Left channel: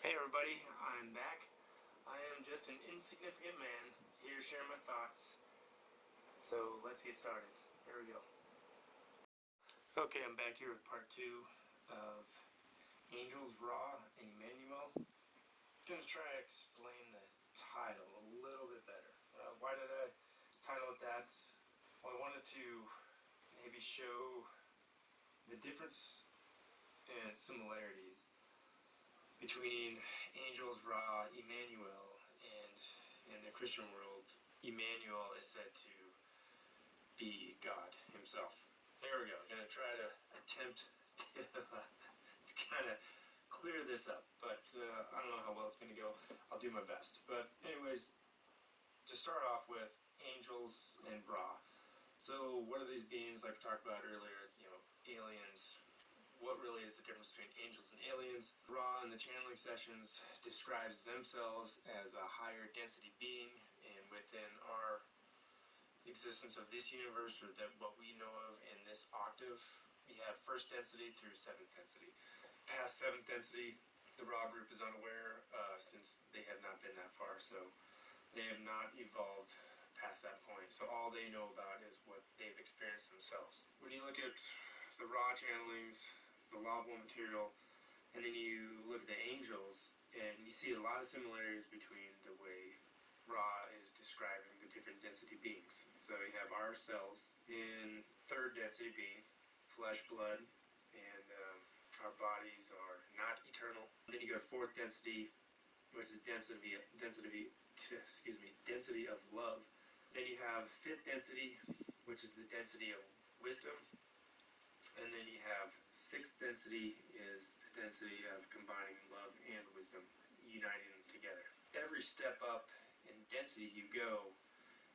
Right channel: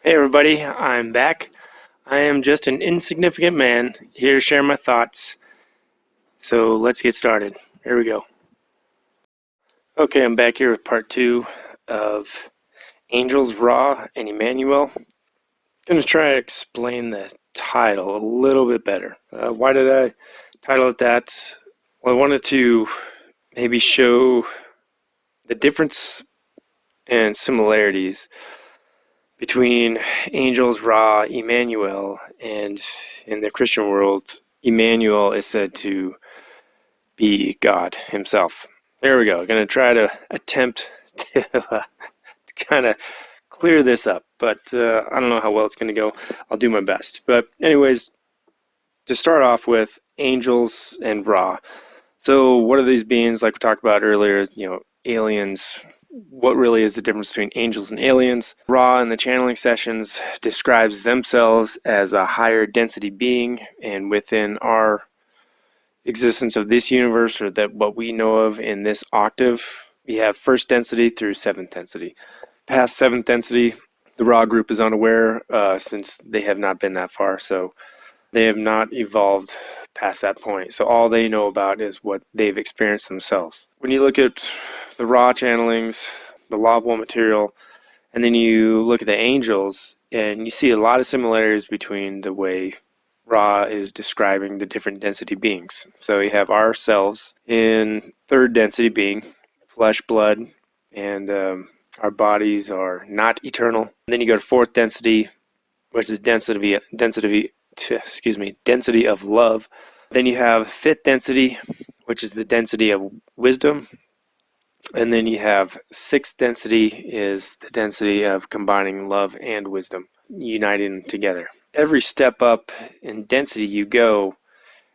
Hey everybody, I'm back. I am just an insignificant man here to share my thoughts. So let's get started. Here we go. Okay, I'm back here with part 2 of Angels, Ra, and Emmanuel. I'm going to try to explain the title a little bit better. Why did I title it that? Well, I wanted to maybe show the difference and similarities between angels, Ra, Emmanuel, and in the Christian world, Emmanuel is said to be God himself. There we go. Going to try to attempt to kind of clear this up, but I don't know how well it's going to go. I'll do my best. But anyways, to start off with, angels and Ra. So what are these beings? Like we talked about earlier, aliens. What really is the difference between angels and aliens? Ra in the channeling sessions describes themselves as a higher density being, and within our existence of this universe, or that what we know of in this octave, we have first density through seventh density. Past seventh density, the Ra group is unaware, since they have not been that far, so they have not evolved past that point. So all they know about is what they've experienced themselves. When you look at the Ra channelings, the Law of One material, and then you look at the angels, and you see a lot of similarities between the way Ra is describing the different density beings. So you have ourselves in third density being flesh, blood, and our bodies are not eternal. And then you go to fourth density, which is density of love. Then you have fifth density, which is the density of wisdom. And then you have sixth density is the density of combining love and wisdom, uniting them together. Every step up in density you go,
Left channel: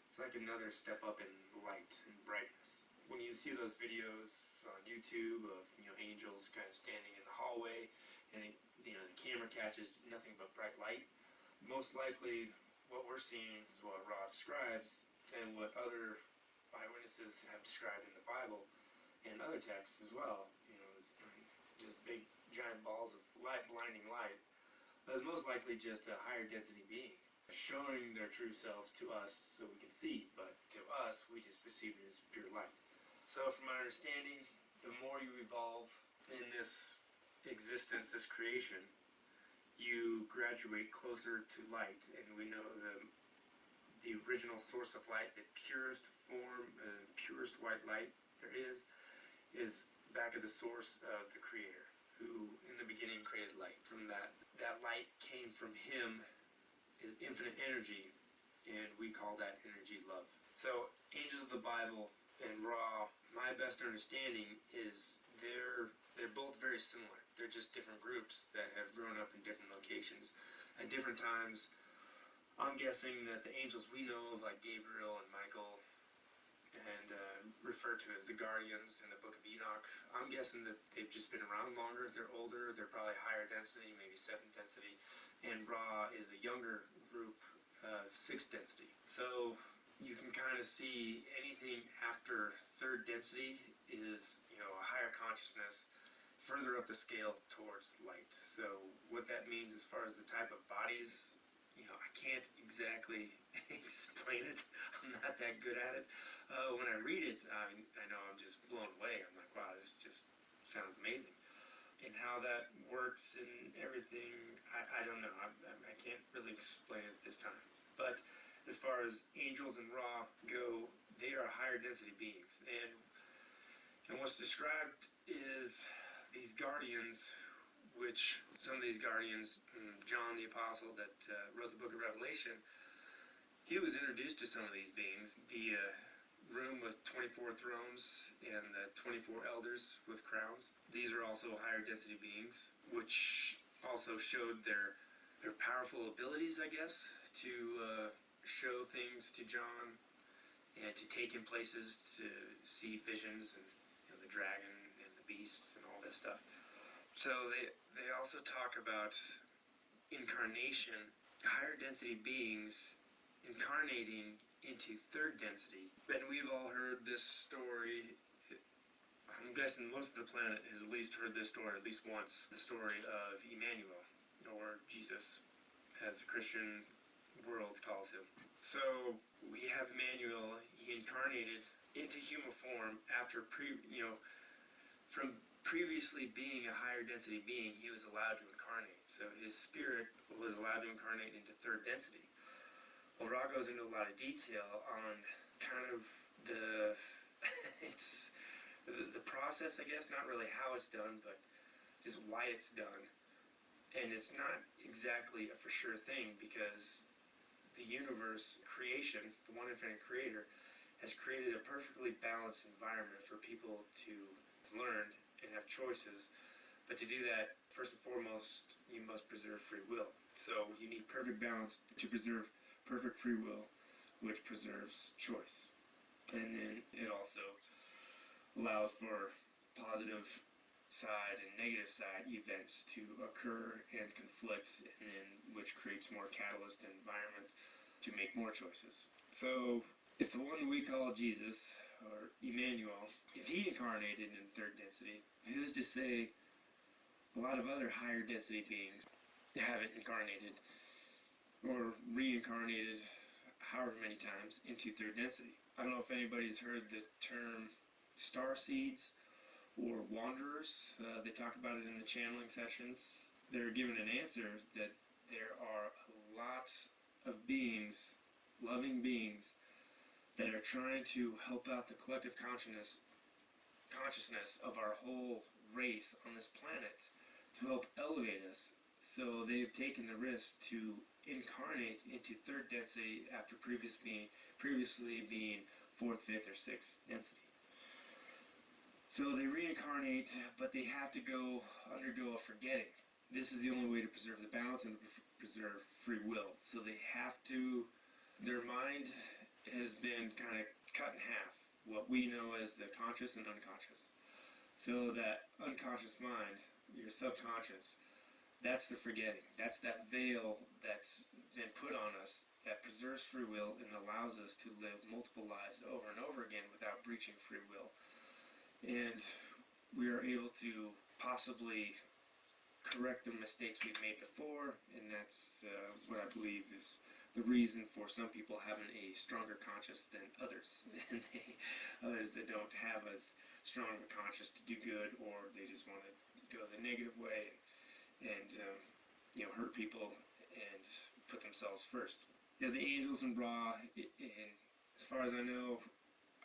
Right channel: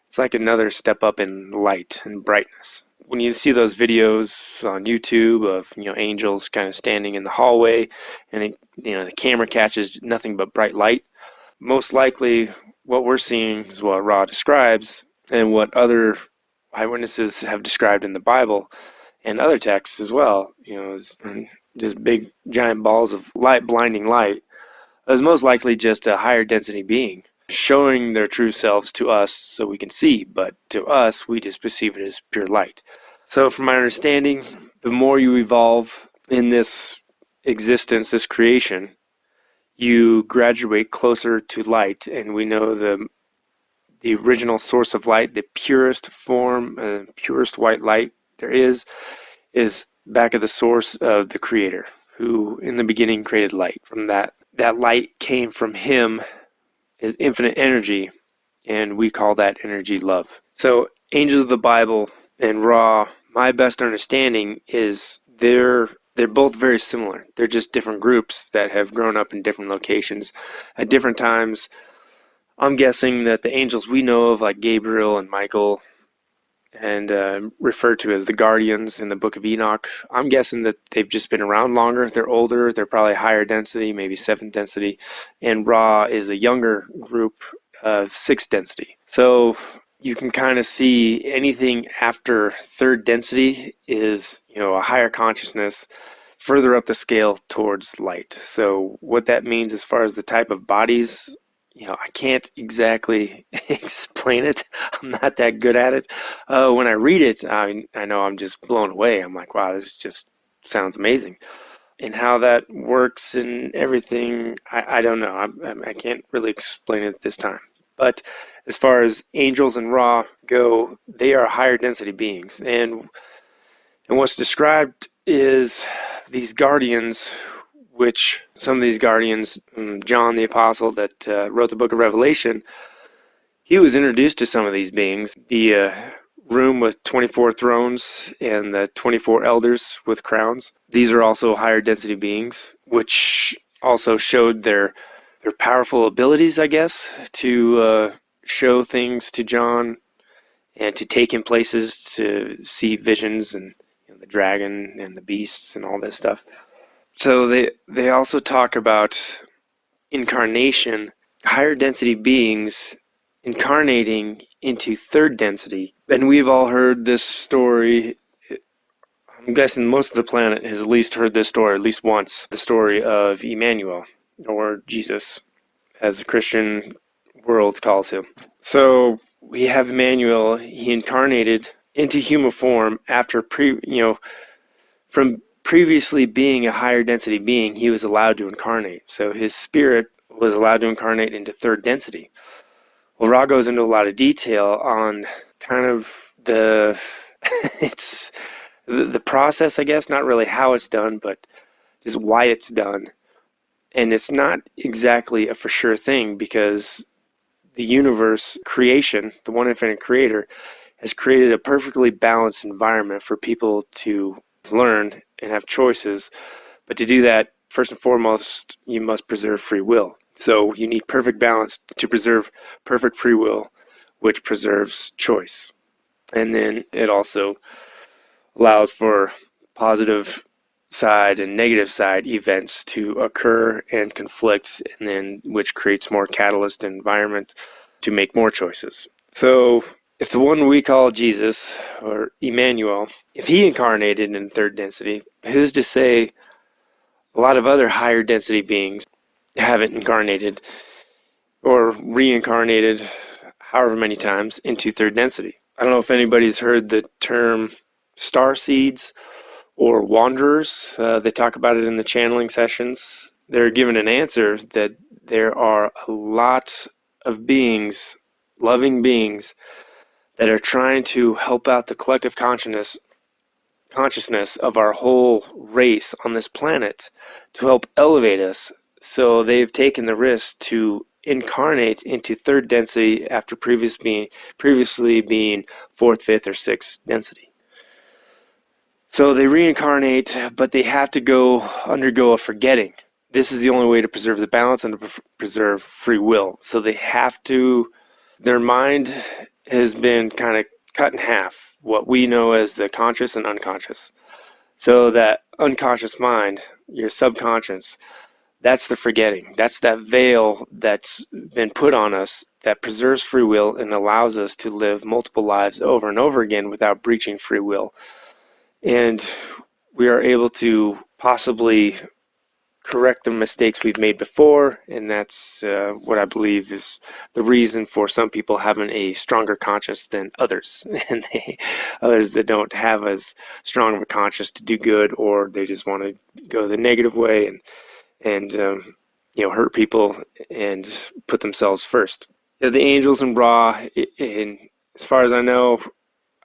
it's like another step up in light and brightness. When you see those videos on YouTube of angels kind of standing in the hallway, and the camera catches nothing but bright light, most likely what we're seeing is what Ra describes, and what other eyewitnesses have described in the Bible and other texts as well. Is just big giant balls of light, blinding light, is most likely just a higher density being showing their true selves to us so we can see, but to us we just perceive it as pure light. So from my understanding, the more you evolve in this existence, this creation, you graduate closer to light. And we know the original source of light, the purest form, purest white light there is back at the source of the Creator, who in the beginning created light. From that light came from him, is infinite energy, and we call that energy love. So angels of the Bible and Ra, my best understanding is they're both very similar. They're just different groups that have grown up in different locations at different times. I'm guessing that the angels we know of, like Gabriel and Michael, and referred to as the guardians in the book of Enoch, I'm guessing that they've just been around longer. They're older. They're probably higher density, maybe seventh density. And Ra is a younger group of sixth density. So you can kind of see anything after third density is, a higher consciousness further up the scale towards light. So what that means as far as the type of bodies, I can't exactly explain it. I'm not that good at it. When I read it, I know I'm just blown away. I'm like, wow, this just sounds amazing. And how that works and everything, I don't know. I can't really explain it this time. But as far as angels and Ra go, they are higher density beings. And what's described is these guardians, which some of these guardians, John the Apostle that wrote the book of Revelation, he was introduced to some of these beings. The room with 24 thrones and the 24 elders with crowns. These are also higher density beings, which also showed their powerful abilities, I guess, to show things to John and to take him places, to see visions and the dragon and the beasts and all this stuff. So they also talk about incarnation, higher density beings incarnating into third density. And we've all heard this story. I'm guessing most of the planet has at least heard this story at least once, the story of Emmanuel, or Jesus, as the Christian world calls him. So we have Emmanuel. He incarnated into human form after from previously being a higher density being, he was allowed to incarnate. So his spirit was allowed to incarnate into third density. Well, Ra goes into a lot of detail on kind of the it's the process, I guess, not really how it's done, but just why it's done. And it's not exactly a for sure thing, because the universe creation, the one infinite creator, has created a perfectly balanced environment for people to learn and have choices. But to do that, first and foremost, you must preserve free will. So you need perfect balance to preserve perfect free will, which preserves choice. And then it also allows for positive side and negative side events to occur and conflict, and then which creates more catalyst environment to make more choices. So if the one we call Jesus, or Emmanuel, if he incarnated in third density, who's to say a lot of other higher density beings haven't incarnated or reincarnated however many times into third density? I don't know if anybody's heard the term star seeds or wanderers. They talk about it in the channeling sessions. They're given an answer that there are a lot of beings, loving beings, that are trying to help out the collective consciousness of our whole race on this planet to help elevate us. So they've taken the risk to incarnate into third density after previously being fourth, fifth, or sixth density. So they reincarnate, but they have to undergo a forgetting. This is the only way to preserve the balance and to preserve free will. So they have to, their mind has been kind of cut in half, what we know as the conscious and unconscious. So that unconscious mind, your subconscious, that's the forgetting. That's that veil that's been put on us that preserves free will and allows us to live multiple lives over and over again without breaching free will. And we are able to possibly correct the mistakes we've made before, and that's what I believe is the reason for some people having a stronger conscience than others, and others that don't have as strong of a conscience to do good, or they just want to go the negative way and hurt people and put themselves first. The angels and Ra, and as far as I know,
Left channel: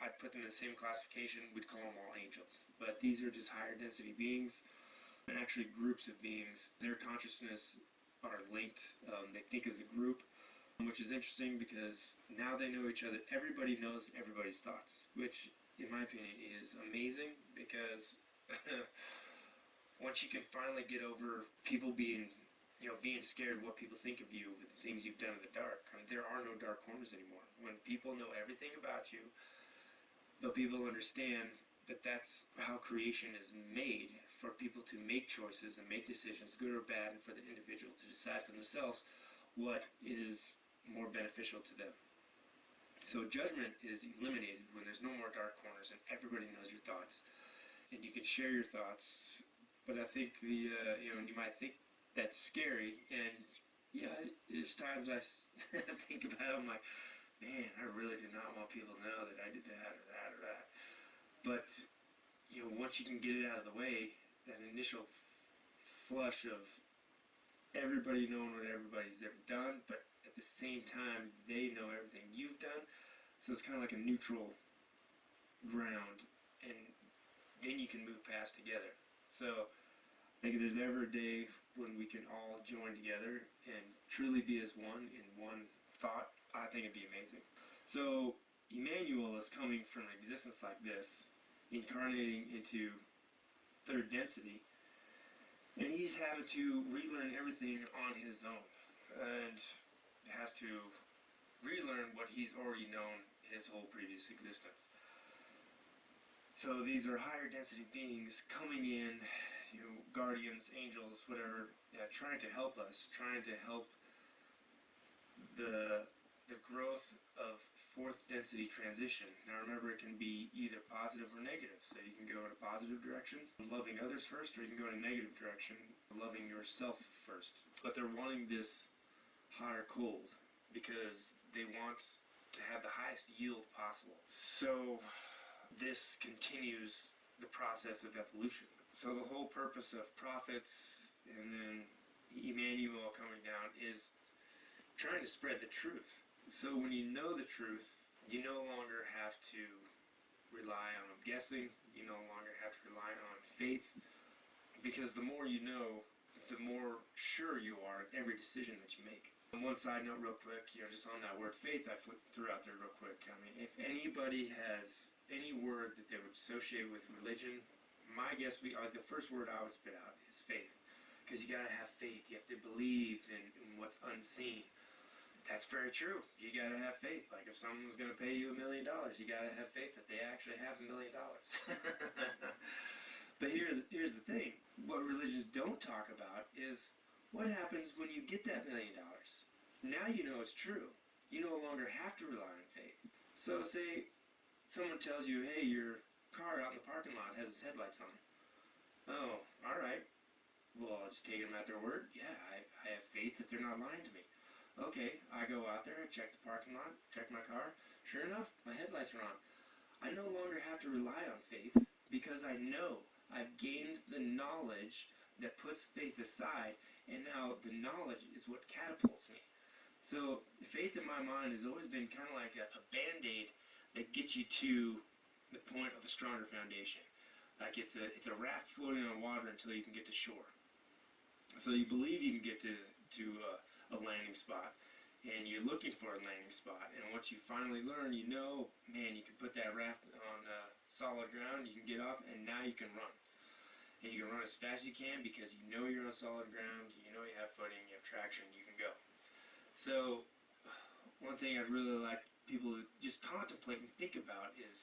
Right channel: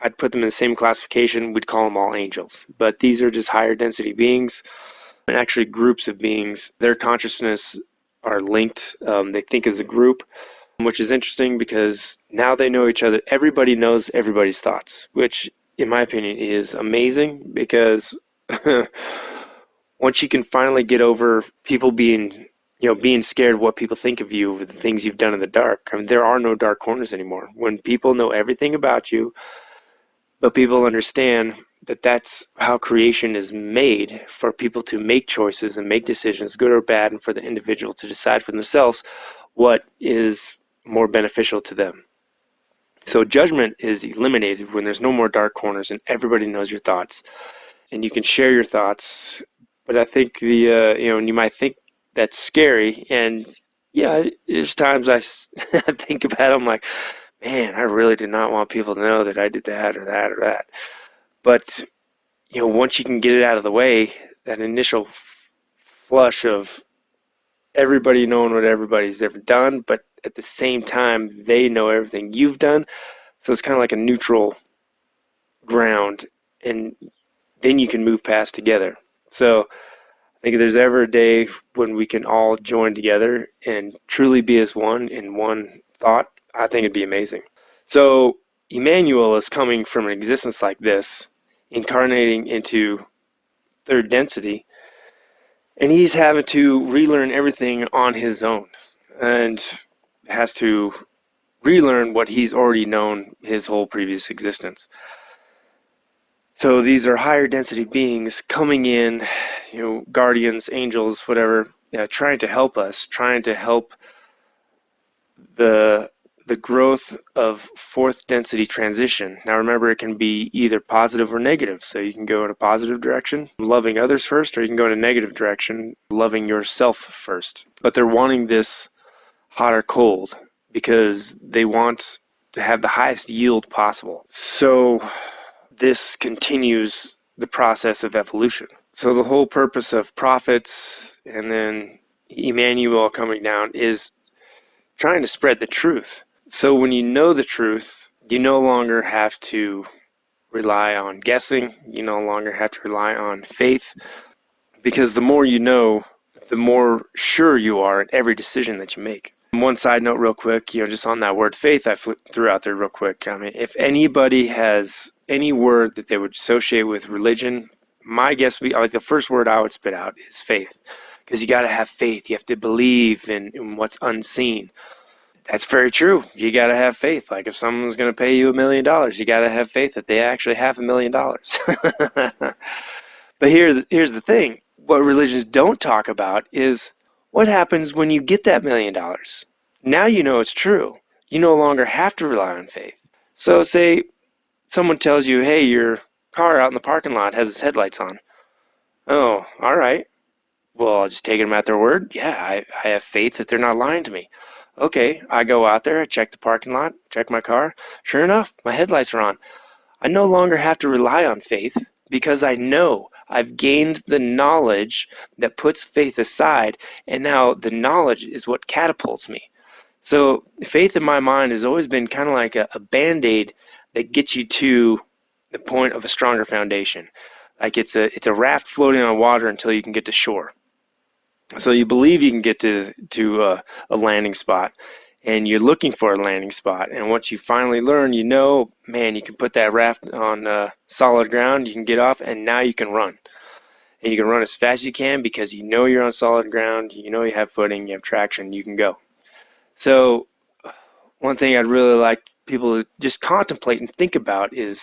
I'd put them in the same classification. We'd call them all angels, but these are just higher density beings, and actually groups of beings. Their consciousness are linked. They think as a group, which is interesting because now they know each other. Everybody knows everybody's thoughts, which in my opinion is amazing, because once you can finally get over people being scared of what people think of you, the things you've done in the dark. I mean, there are no dark corners anymore. When people know everything about you, but people understand that that's how creation is made, for people to make choices and make decisions, good or bad, and for the individual to decide for themselves what is more beneficial to them. So judgment is eliminated when there's no more dark corners and everybody knows your thoughts, and you can share your thoughts. But I think and you might think that's scary, and yeah, there's times I think about it, I'm like, man, I really did not want people to know that I did that or that or that. But once you can get it out of the way, that initial flush of everybody knowing what everybody's ever done, but at the same time they know everything you've done, so it's kind of like a neutral ground, and then you can move past together. So I think if there's ever a day when we can all join together and truly be as one in one thought, I think it'd be amazing. So Emmanuel is coming from an existence like this, incarnating into third density, and he's having to relearn everything on his own, and has to relearn what he's already known his whole previous existence. So these are higher density beings coming in, guardians, angels, whatever, trying to help us, trying to help the the growth of fourth density transition. Now remember, it can be either positive or negative. So you can go in a positive direction, loving others first, or you can go in a negative direction, loving yourself first. But they're wanting this hot or cold because they want to have the highest yield possible. So this continues the process of evolution. So the whole purpose of prophets and then Emmanuel coming down is trying to spread the truth. So when you know the truth, you no longer have to rely on guessing. You no longer have to rely on faith, because the more you know, the more sure you are in every decision that you make. One side note real quick, just on that word faith I threw out there real quick. I mean, if anybody has any word that they would associate with religion, my guess would be, like, the first word I would spit out is faith. Because you got to have faith. You have to believe in what's unseen. That's very true. You got to have faith. Like, if someone's going to pay you $1 million, you got to have faith that they actually have $1 million. But here's the thing. What religions don't talk about is what happens when you get that $1 million. Now you know it's true. You no longer have to rely on faith. So say someone tells you, hey, your car out in the parking lot has its headlights on. Oh, all right. Well, I'll just take them at their word. Yeah, I have faith that they're not lying to me. Okay, I go out there, I check the parking lot, check my car. Sure enough, my headlights are on. I no longer have to rely on faith because I know I've gained the knowledge that puts faith aside, and now the knowledge is what catapults me. So faith in my mind has always been kind of like a Band-Aid that gets you to the point of a stronger foundation. Like it's a raft floating on water until you can get to shore. So you believe you can get to a landing spot, and you're looking for a landing spot. And once you finally learn, man, you can put that raft on solid ground. You can get off, and now you can run. And you can run as fast as you can because you know you're on solid ground. You know you have footing, you have traction, you can go. So one thing I'd really like people to just contemplate and think about is,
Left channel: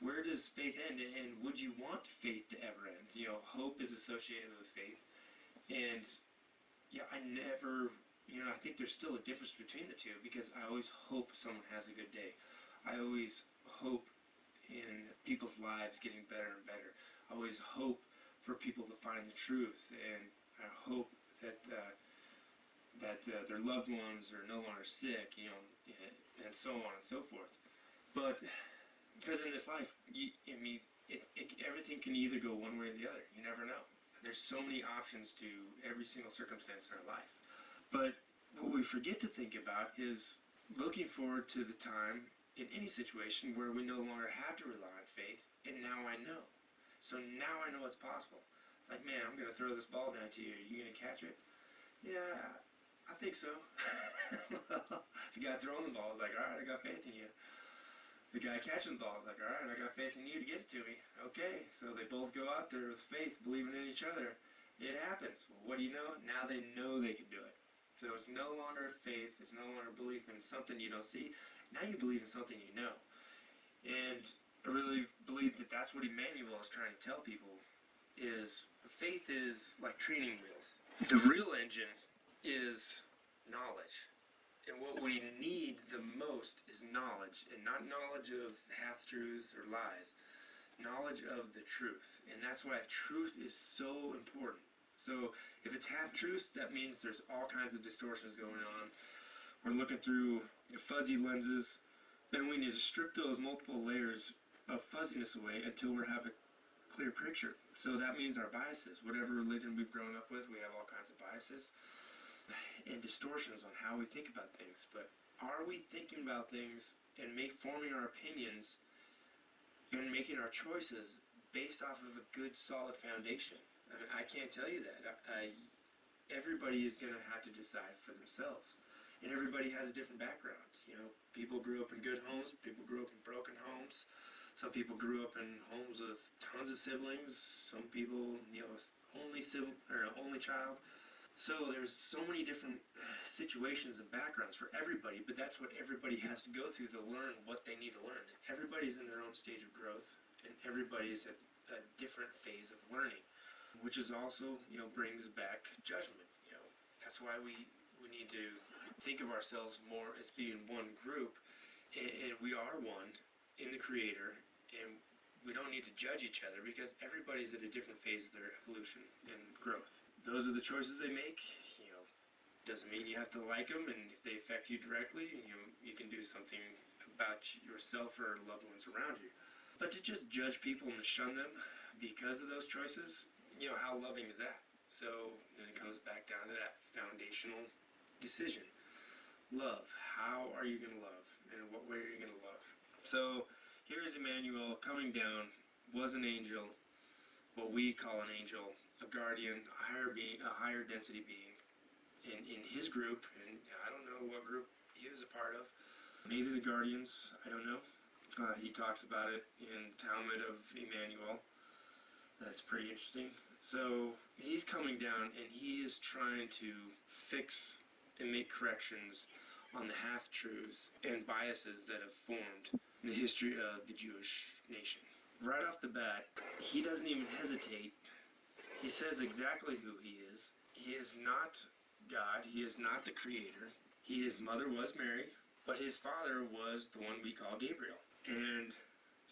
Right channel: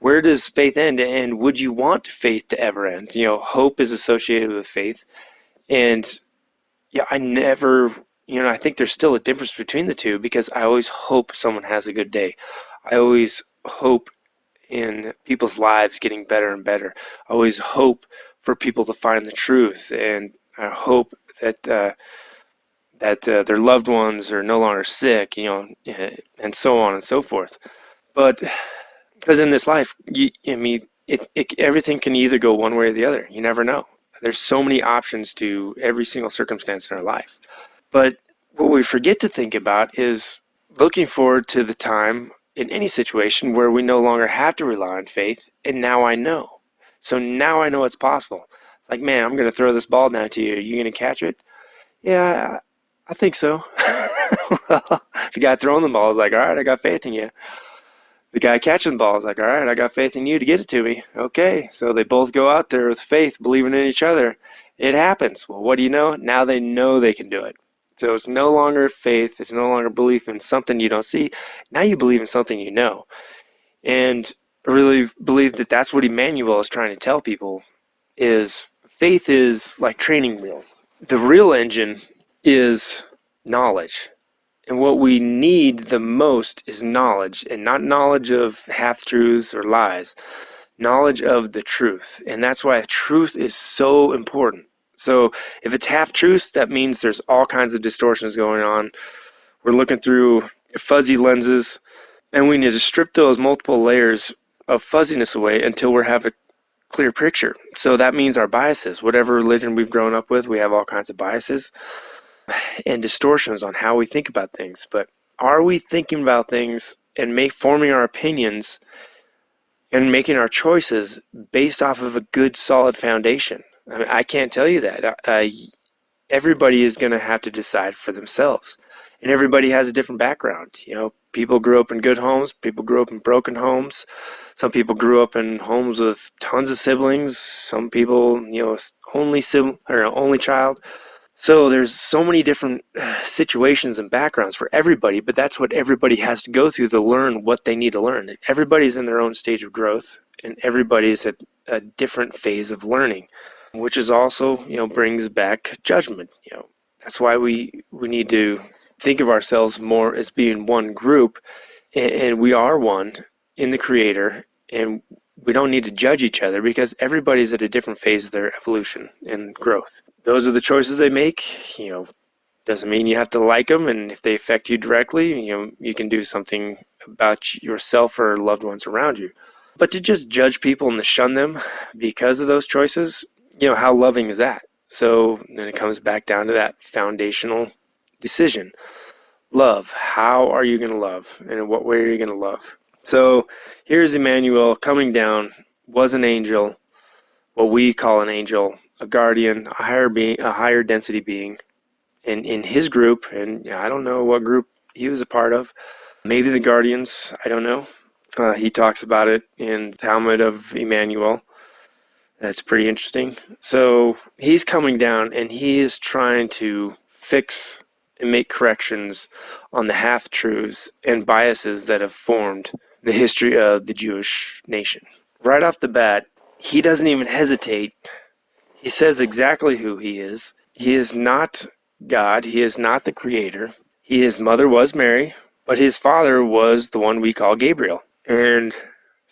where does faith end, and would you want faith to ever end? Hope is associated with faith. And yeah, I think there's still a difference between the two, because I always hope someone has a good day. I always hope in people's lives getting better and better. I always hope for people to find the truth, and I hope that their loved ones are no longer sick, and so on and so forth. But because in this life, everything can either go one way or the other. You never know. There's so many options to every single circumstance in our life. But what we forget to think about is looking forward to the time in any situation where we no longer have to rely on faith, and now I know. So now I know it's possible. Like, man, I'm going to throw this ball down to you. Are you going to catch it? Yeah, I think so. Well, the guy throwing the ball is like, all right, I got faith in you. The guy catching the ball is like, all right, I got faith in you to get it to me. Okay, so they both go out there with faith, believing in each other. It happens. Well, what do you know? Now they know they can do it. So it's no longer faith. It's no longer belief in something you don't see. Now you believe in something you know. And I really believe that that's what Emmanuel is trying to tell people, is faith is like training wheels. The real engine is knowledge. And what we need the most is knowledge, and not knowledge of half-truths or lies, knowledge of the truth. And that's why truth is so important. So if it's half-truths, that means there's all kinds of distortions going on. We're looking through fuzzy lenses, and we need to strip those multiple layers of fuzziness away until we have a clear picture. So that means our biases. Whatever religion we've grown up with, we have all kinds of biases and distortions on how we think about things. But are we thinking about things and forming our opinions and making our choices based off of a good, solid foundation? I mean, I can't tell you that. Everybody is going to have to decide for themselves. And everybody has a different background. People grew up in good homes. People grew up in broken homes. Some people grew up in homes with tons of siblings. Some people, only child. So there's so many different situations and backgrounds for everybody, but that's what everybody has to go through to learn what they need to learn. Everybody's in their own stage of growth, and everybody's at a different phase of learning, which is also, brings back judgment. That's why we need to think of ourselves more as being one group, and we are one in the Creator, and we don't need to judge each other because everybody's at a different phase of their evolution and growth. Those are the choices they make. Doesn't mean you have to like them, and if they affect you directly, you can do something about yourself or loved ones around you. But to just judge people and to shun them because of those choices, how loving is that? So then it comes back down to that foundational decision. Love. How are you going to love? And in what way are you going to love? So here's Emmanuel coming down, was an angel, what we call an angel, a guardian, a higher being, a higher density being. And in his group, and I don't know what group he was a part of, maybe the Guardians, I don't know. He talks about it in the Talmud of Jmmanuel. That's pretty interesting. So he's coming down and he is trying to fix and make corrections on the half-truths and biases that have formed the history of the Jewish nation. Right off the bat, he doesn't even hesitate. He says exactly who he is. He is not God. He is not the Creator. His mother was Mary, but his father was the one we call Gabriel. And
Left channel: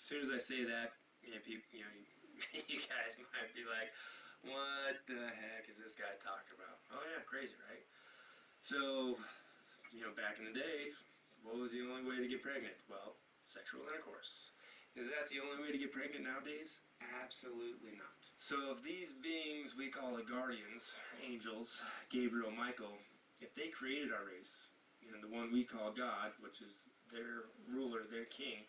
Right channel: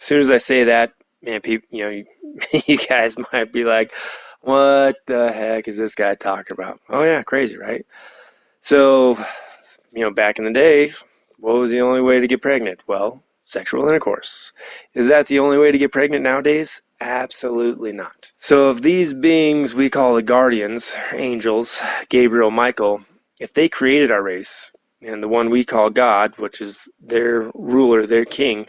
as soon as I say that, man, people, you guys might be like, what the heck is this guy talking about? Oh yeah, crazy, right? So, back in the day, what was the only way to get pregnant? Well, sexual intercourse. Is that the only way to get pregnant nowadays? Absolutely not. So if these beings we call the guardians, angels, Gabriel, Michael, if they created our race, and the one we call God, which is their ruler, their king,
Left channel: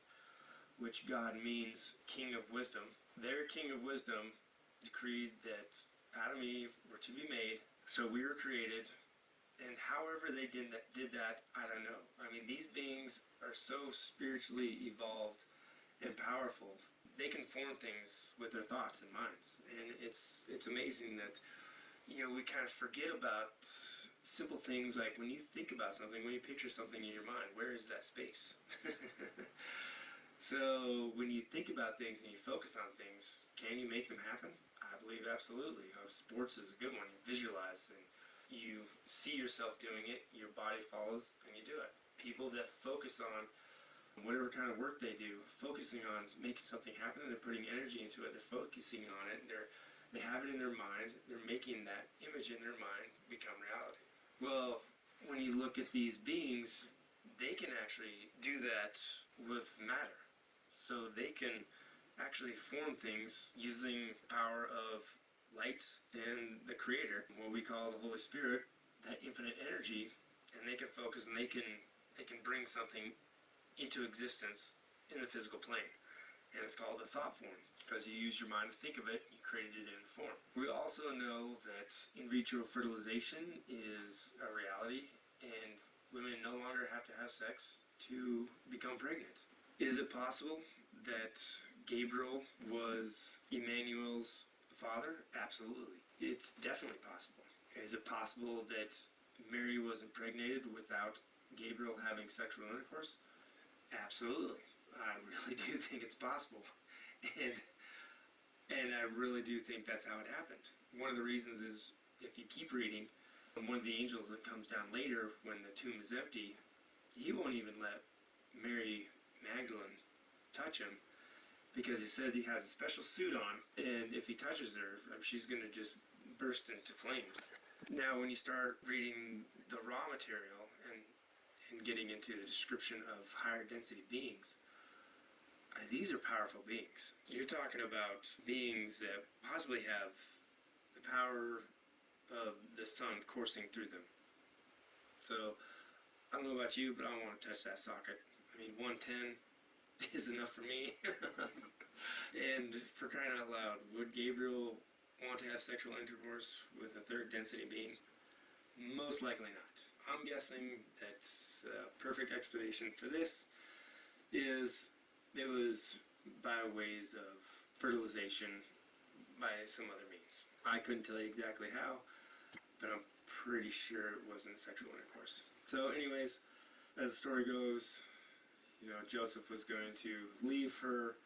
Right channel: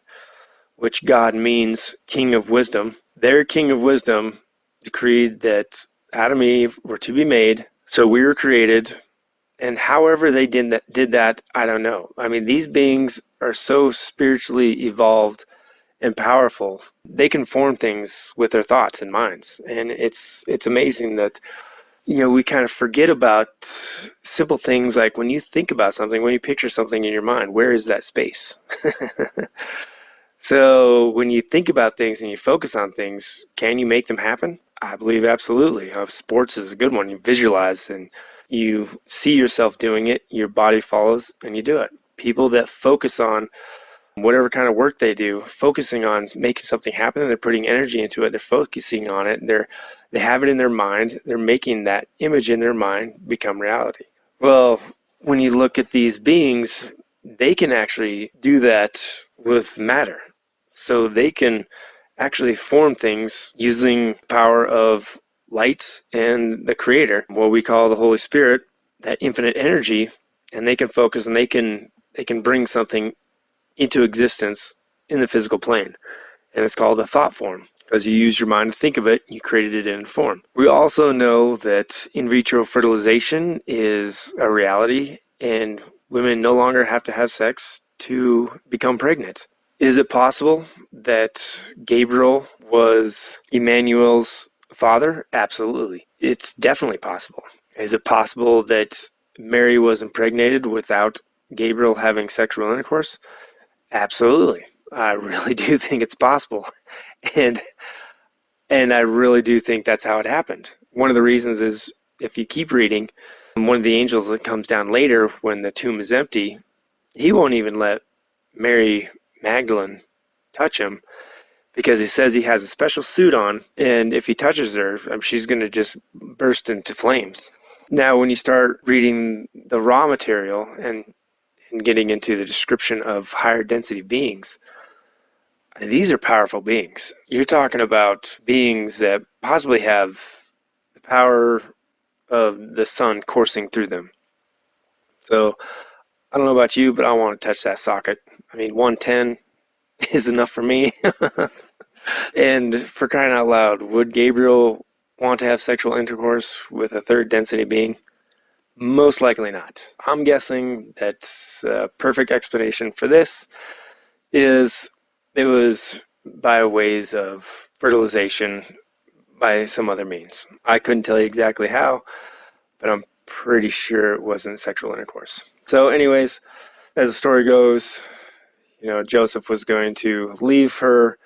which God means king of wisdom, their king of wisdom decreed that Adam and Eve were to be made, so we were created, and however they did that, I don't know. I mean, these beings are so spiritually evolved and powerful. They can form things with their thoughts and minds, and it's amazing that we kind of forget about simple things like when you think about something, when you picture something in your mind, where is that space? So when you think about things and you focus on things, can you make them happen? I believe absolutely. Sports is a good one. You visualize and you see yourself doing it, your body follows, and you do it. People that focus on whatever kind of work they do, focusing on making something happen, they're putting energy into it, they're focusing on it, they have it in their mind, they're making that image in their mind become reality. Well, when you look at these beings, they can actually do that with matter. So they can actually form things using the power of light and the Creator, what we call the Holy Spirit, that infinite energy, and they can focus and they can bring something into existence in the physical plane. And it's called a thought form. Because you use your mind to think of it, you created it in form. We also know that in vitro fertilization is a reality, and women no longer have to have sex to become pregnant. Is it possible that Gabriel was Emmanuel's father? Absolutely. It's definitely possible. Is it possible that Mary was impregnated without Gabriel having sexual intercourse? Absolutely. I really do think it's possible. And I really do think that's how it happened. One of the reasons is if you keep reading, one of the angels that comes down later when the tomb is empty, he won't even let Mary Magdalene touch him because he says he has a special suit on, and if he touches her, she's going to just burst into flames. Now, when you start reading the raw material and getting into the description of higher density beings, these are powerful beings. You're talking about beings that possibly have the power of the sun coursing through them. So I don't know about you, but I want to touch that socket. I mean, 110 is enough for me. And for crying out loud, would Gabriel want to have sexual intercourse with a third density being? Most likely not. I'm guessing that a perfect explanation for this is it was by ways of fertilization by some other means. I couldn't tell you exactly how, but I'm pretty sure it wasn't sexual intercourse. So anyways, as the story goes, Joseph was going to leave her,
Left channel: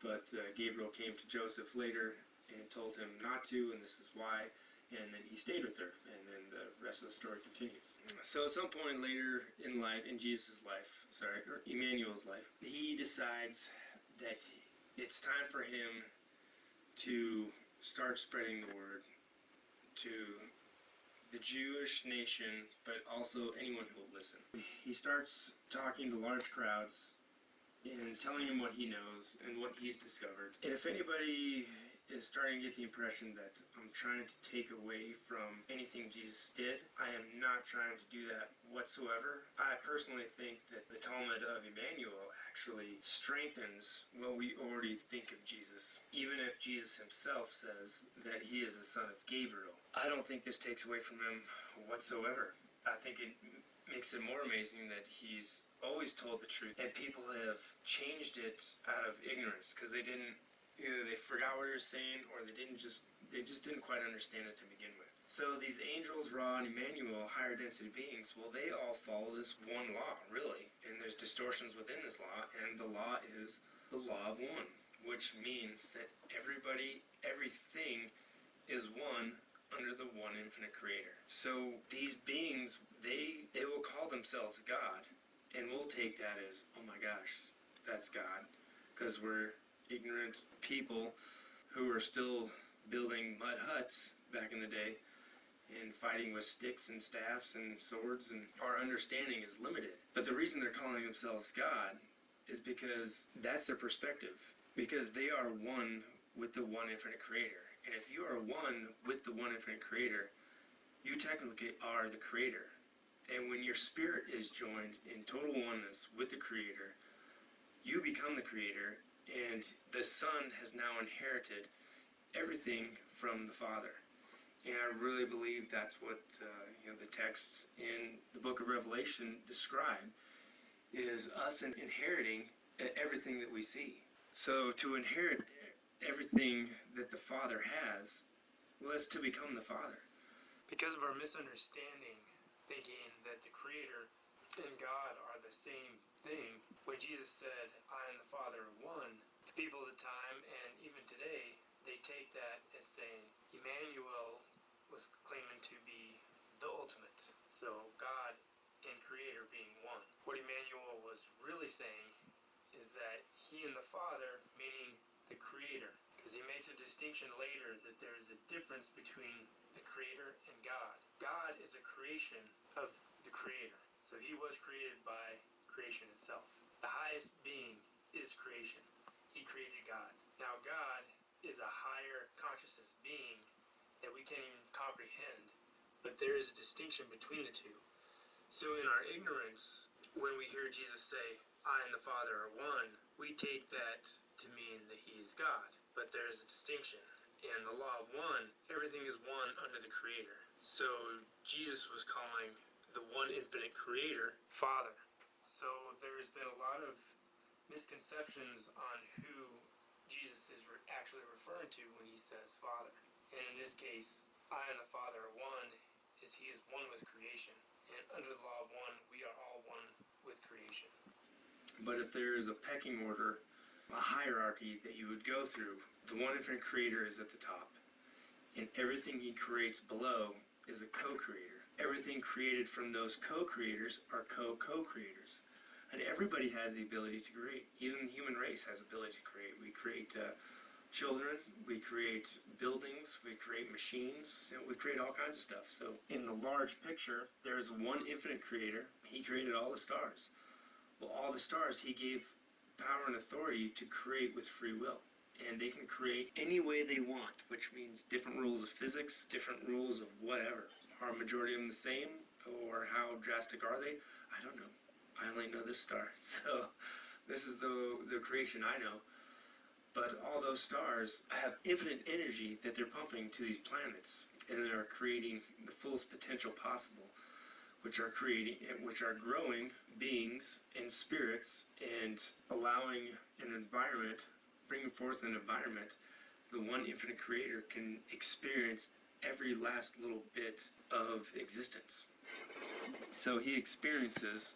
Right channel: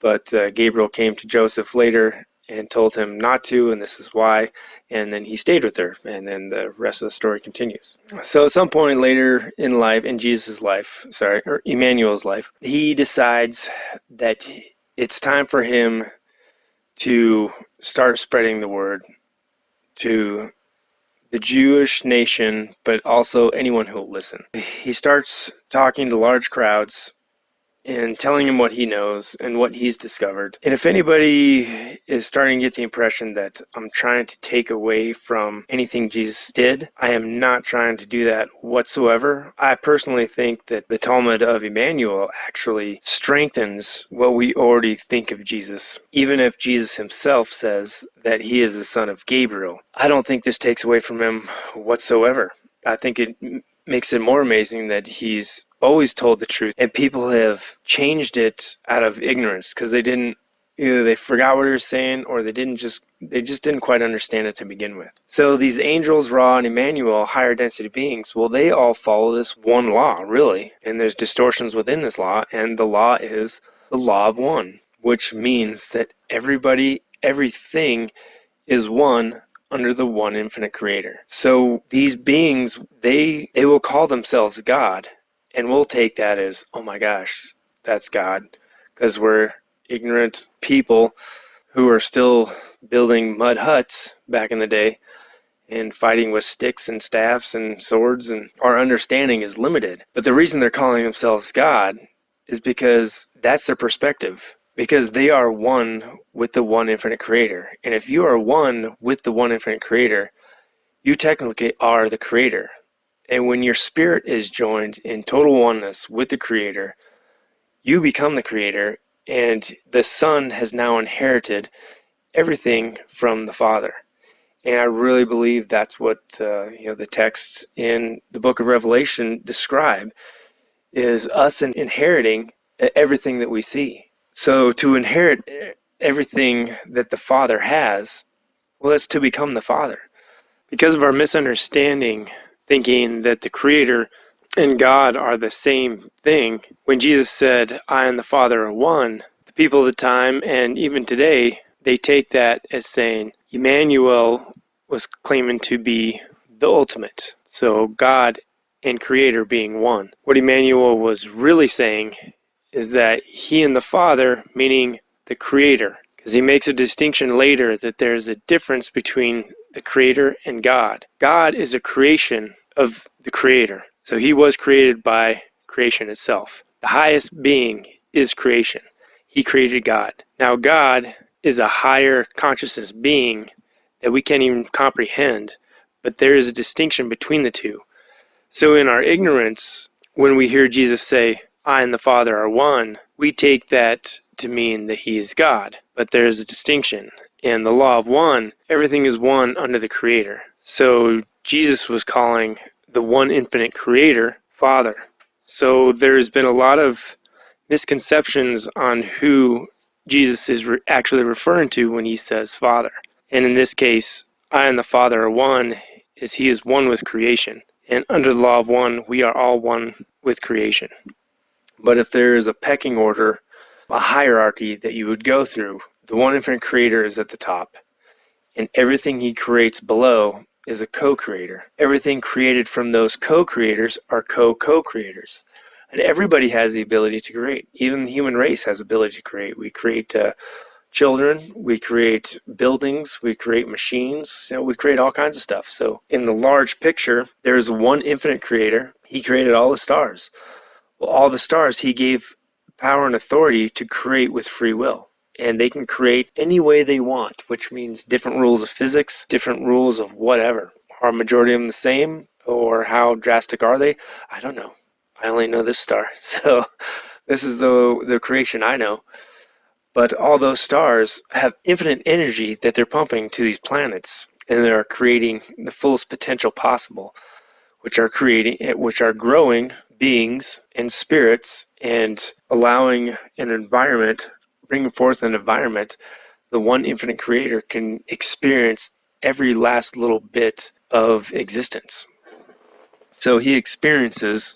but Gabriel came to Joseph later and told him not to, and this is why. And then he stayed with her, and then the rest of the story continues. So at some point later in life, in Jesus' life, or Emmanuel's life, he decides that it's time for him to start spreading the word to the Jewish nation, but also anyone who will listen. He starts talking to large crowds and telling him what he knows and what he's discovered. And if anybody is starting to get the impression that I'm trying to take away from anything Jesus did, I am not trying to do that whatsoever. I personally think that the Talmud of Jmmanuel actually strengthens what we already think of Jesus. Even if Jesus himself says that he is the son of Gabriel, I don't think this takes away from him whatsoever. I think it makes it more amazing that he's always told the truth, and people have changed it out of ignorance because they didn't, either they forgot what he was saying, or they just didn't quite understand it to begin with. So these angels, Ra, and Emmanuel, higher density beings, well, they all follow this one law, really, and there's distortions within this law, and the law is the law of one, which means that everything is one under the one infinite creator. So these beings, they will call themselves God, and we'll take that as, oh my gosh, that's God, because we're ignorant people who are still building mud huts back in the day and fighting with sticks and staffs and swords, and our understanding is limited. But the reason they're calling themselves God is because that's their perspective. Because they are one with the one infinite creator. And if you are one with the one infinite creator, you technically are the creator. And when your spirit is joined in total oneness with the creator, you become the creator, and the son has now inherited everything from the father. And I really believe that's what the texts in the book of Revelation describe, is us inheriting everything that we see. So to inherit everything that the Father has, well, that's to become the Father. Because of our misunderstanding, thinking that the Creator and God are the same thing, when Jesus said, I and the Father are one, the people of the time, and even today, they take that as saying Emmanuel was claiming to be the ultimate. So God and Creator being one. What Emmanuel was really saying is that he and the Father, meaning the Creator, because he makes a distinction later that there's a difference between the Creator and God. God is a creation of the Creator. So he was created by creation itself. The highest being is creation. He created God. Now God is a higher consciousness being that we can't even comprehend, but there is a distinction between the two. So in our ignorance, when we hear Jesus say, I and the Father are one, we take that to mean that he is God. But there's a distinction. In the law of one, everything is one under the Creator. So Jesus was calling the one infinite Creator Father. So there's been a lot of misconceptions on who Jesus is actually referring to when he says Father. And in this case, I and the Father are one, is he is one with creation. And under the law of one, we are all one with creation. But if there is a pecking order, a hierarchy that you would go through, the one infinite creator is at the top. And everything he creates below is a co-creator. Everything created from those co-creators are co-co-creators. And everybody has the ability to create. Even the human race has the ability to create. We create children, we create buildings, we create machines, we create all kinds of stuff. So in the large picture, there's one infinite creator. He created all the stars. Well, all the stars he gave power and authority to create with free will. And they can create any way they want, which means different rules of physics, different rules of whatever. Are a majority of them the same, or how drastic are they? I don't know. I only know this star. So this is the creation I know. But all those stars have infinite energy that they're pumping to these planets, and they're creating the fullest potential possible, which are growing beings and spirits, and allowing an environment, bringing forth an environment the one infinite creator can experience every last little bit of existence. So he experiences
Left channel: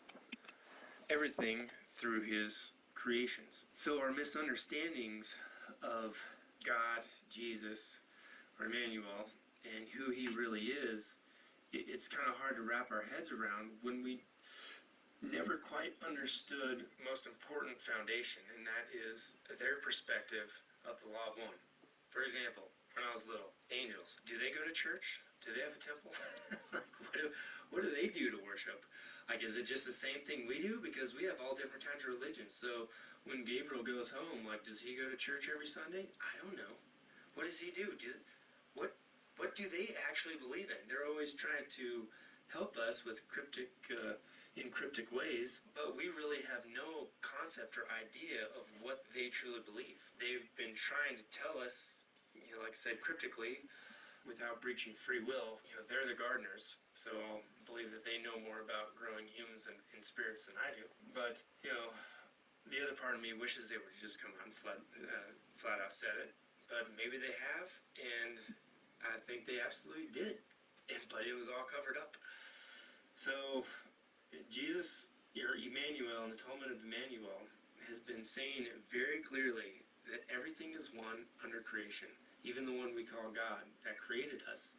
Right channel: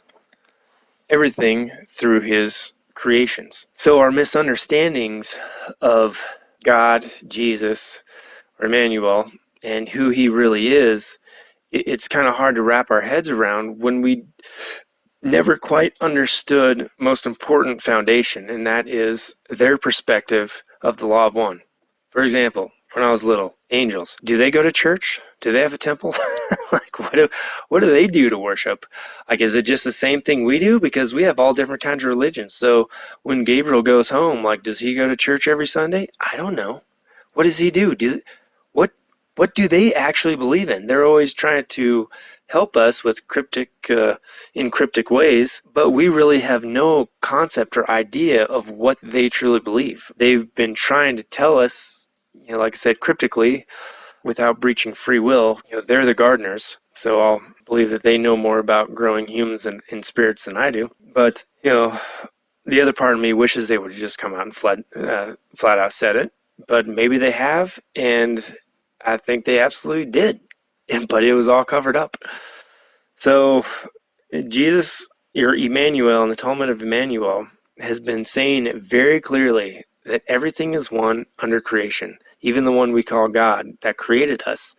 everything through his creations. So our misunderstandings of God, Jesus, or Emmanuel, and who he really is, it's kind of hard to wrap our heads around when we never quite understood most important foundation, and that is their perspective of the law of one. For example, when I was little, angels, do they go to church? Do they have a temple? Like, what do they do to worship? Like, is it just the same thing we do? Because we have all different kinds of religions. So when Gabriel goes home, like, does he go to church every Sunday? I don't know. What does he do? What what do they actually believe in? They're always trying to help us with in cryptic ways, but we really have no concept or idea of what they truly believe. They've been trying to tell us, like I said, cryptically, without breaching free will. They're the gardeners, so I'll believe that they know more about growing humans and spirits than I do. But the other part of me wishes they would have just come out and flat out said it. But maybe they have, and I think they absolutely did. But it was all covered up. So Jesus, or Emmanuel, in the Talmud of Jmmanuel, has been saying very clearly that everything is one under creation, even the one we call God that created us.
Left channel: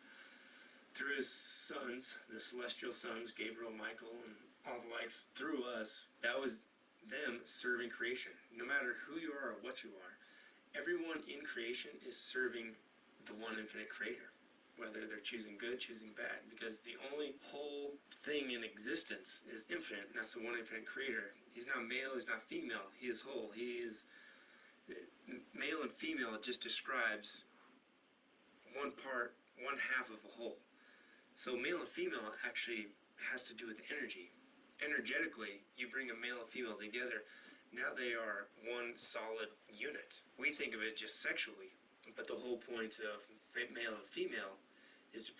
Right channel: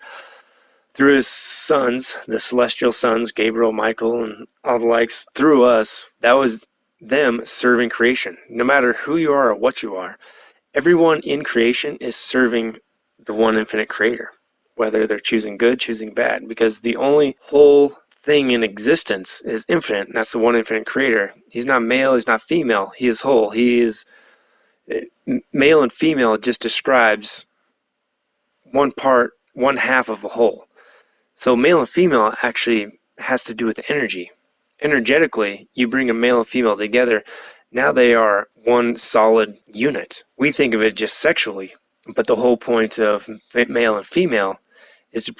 Through his sons, the celestial sons, Gabriel, Michael, and all the likes, through us, that was them serving creation. No matter who you are or what you are, everyone in creation is serving the one infinite creator, whether they're choosing good, choosing bad, because the only whole thing in existence is infinite, and that's the one infinite creator. He's not male, he's not female, he is whole. He is male and female. It just describes one half of a whole. So male and female actually has to do with energy. Energetically, you bring a male and female together, now they are one solid unit. We think of it just sexually, but the whole point of male and female is to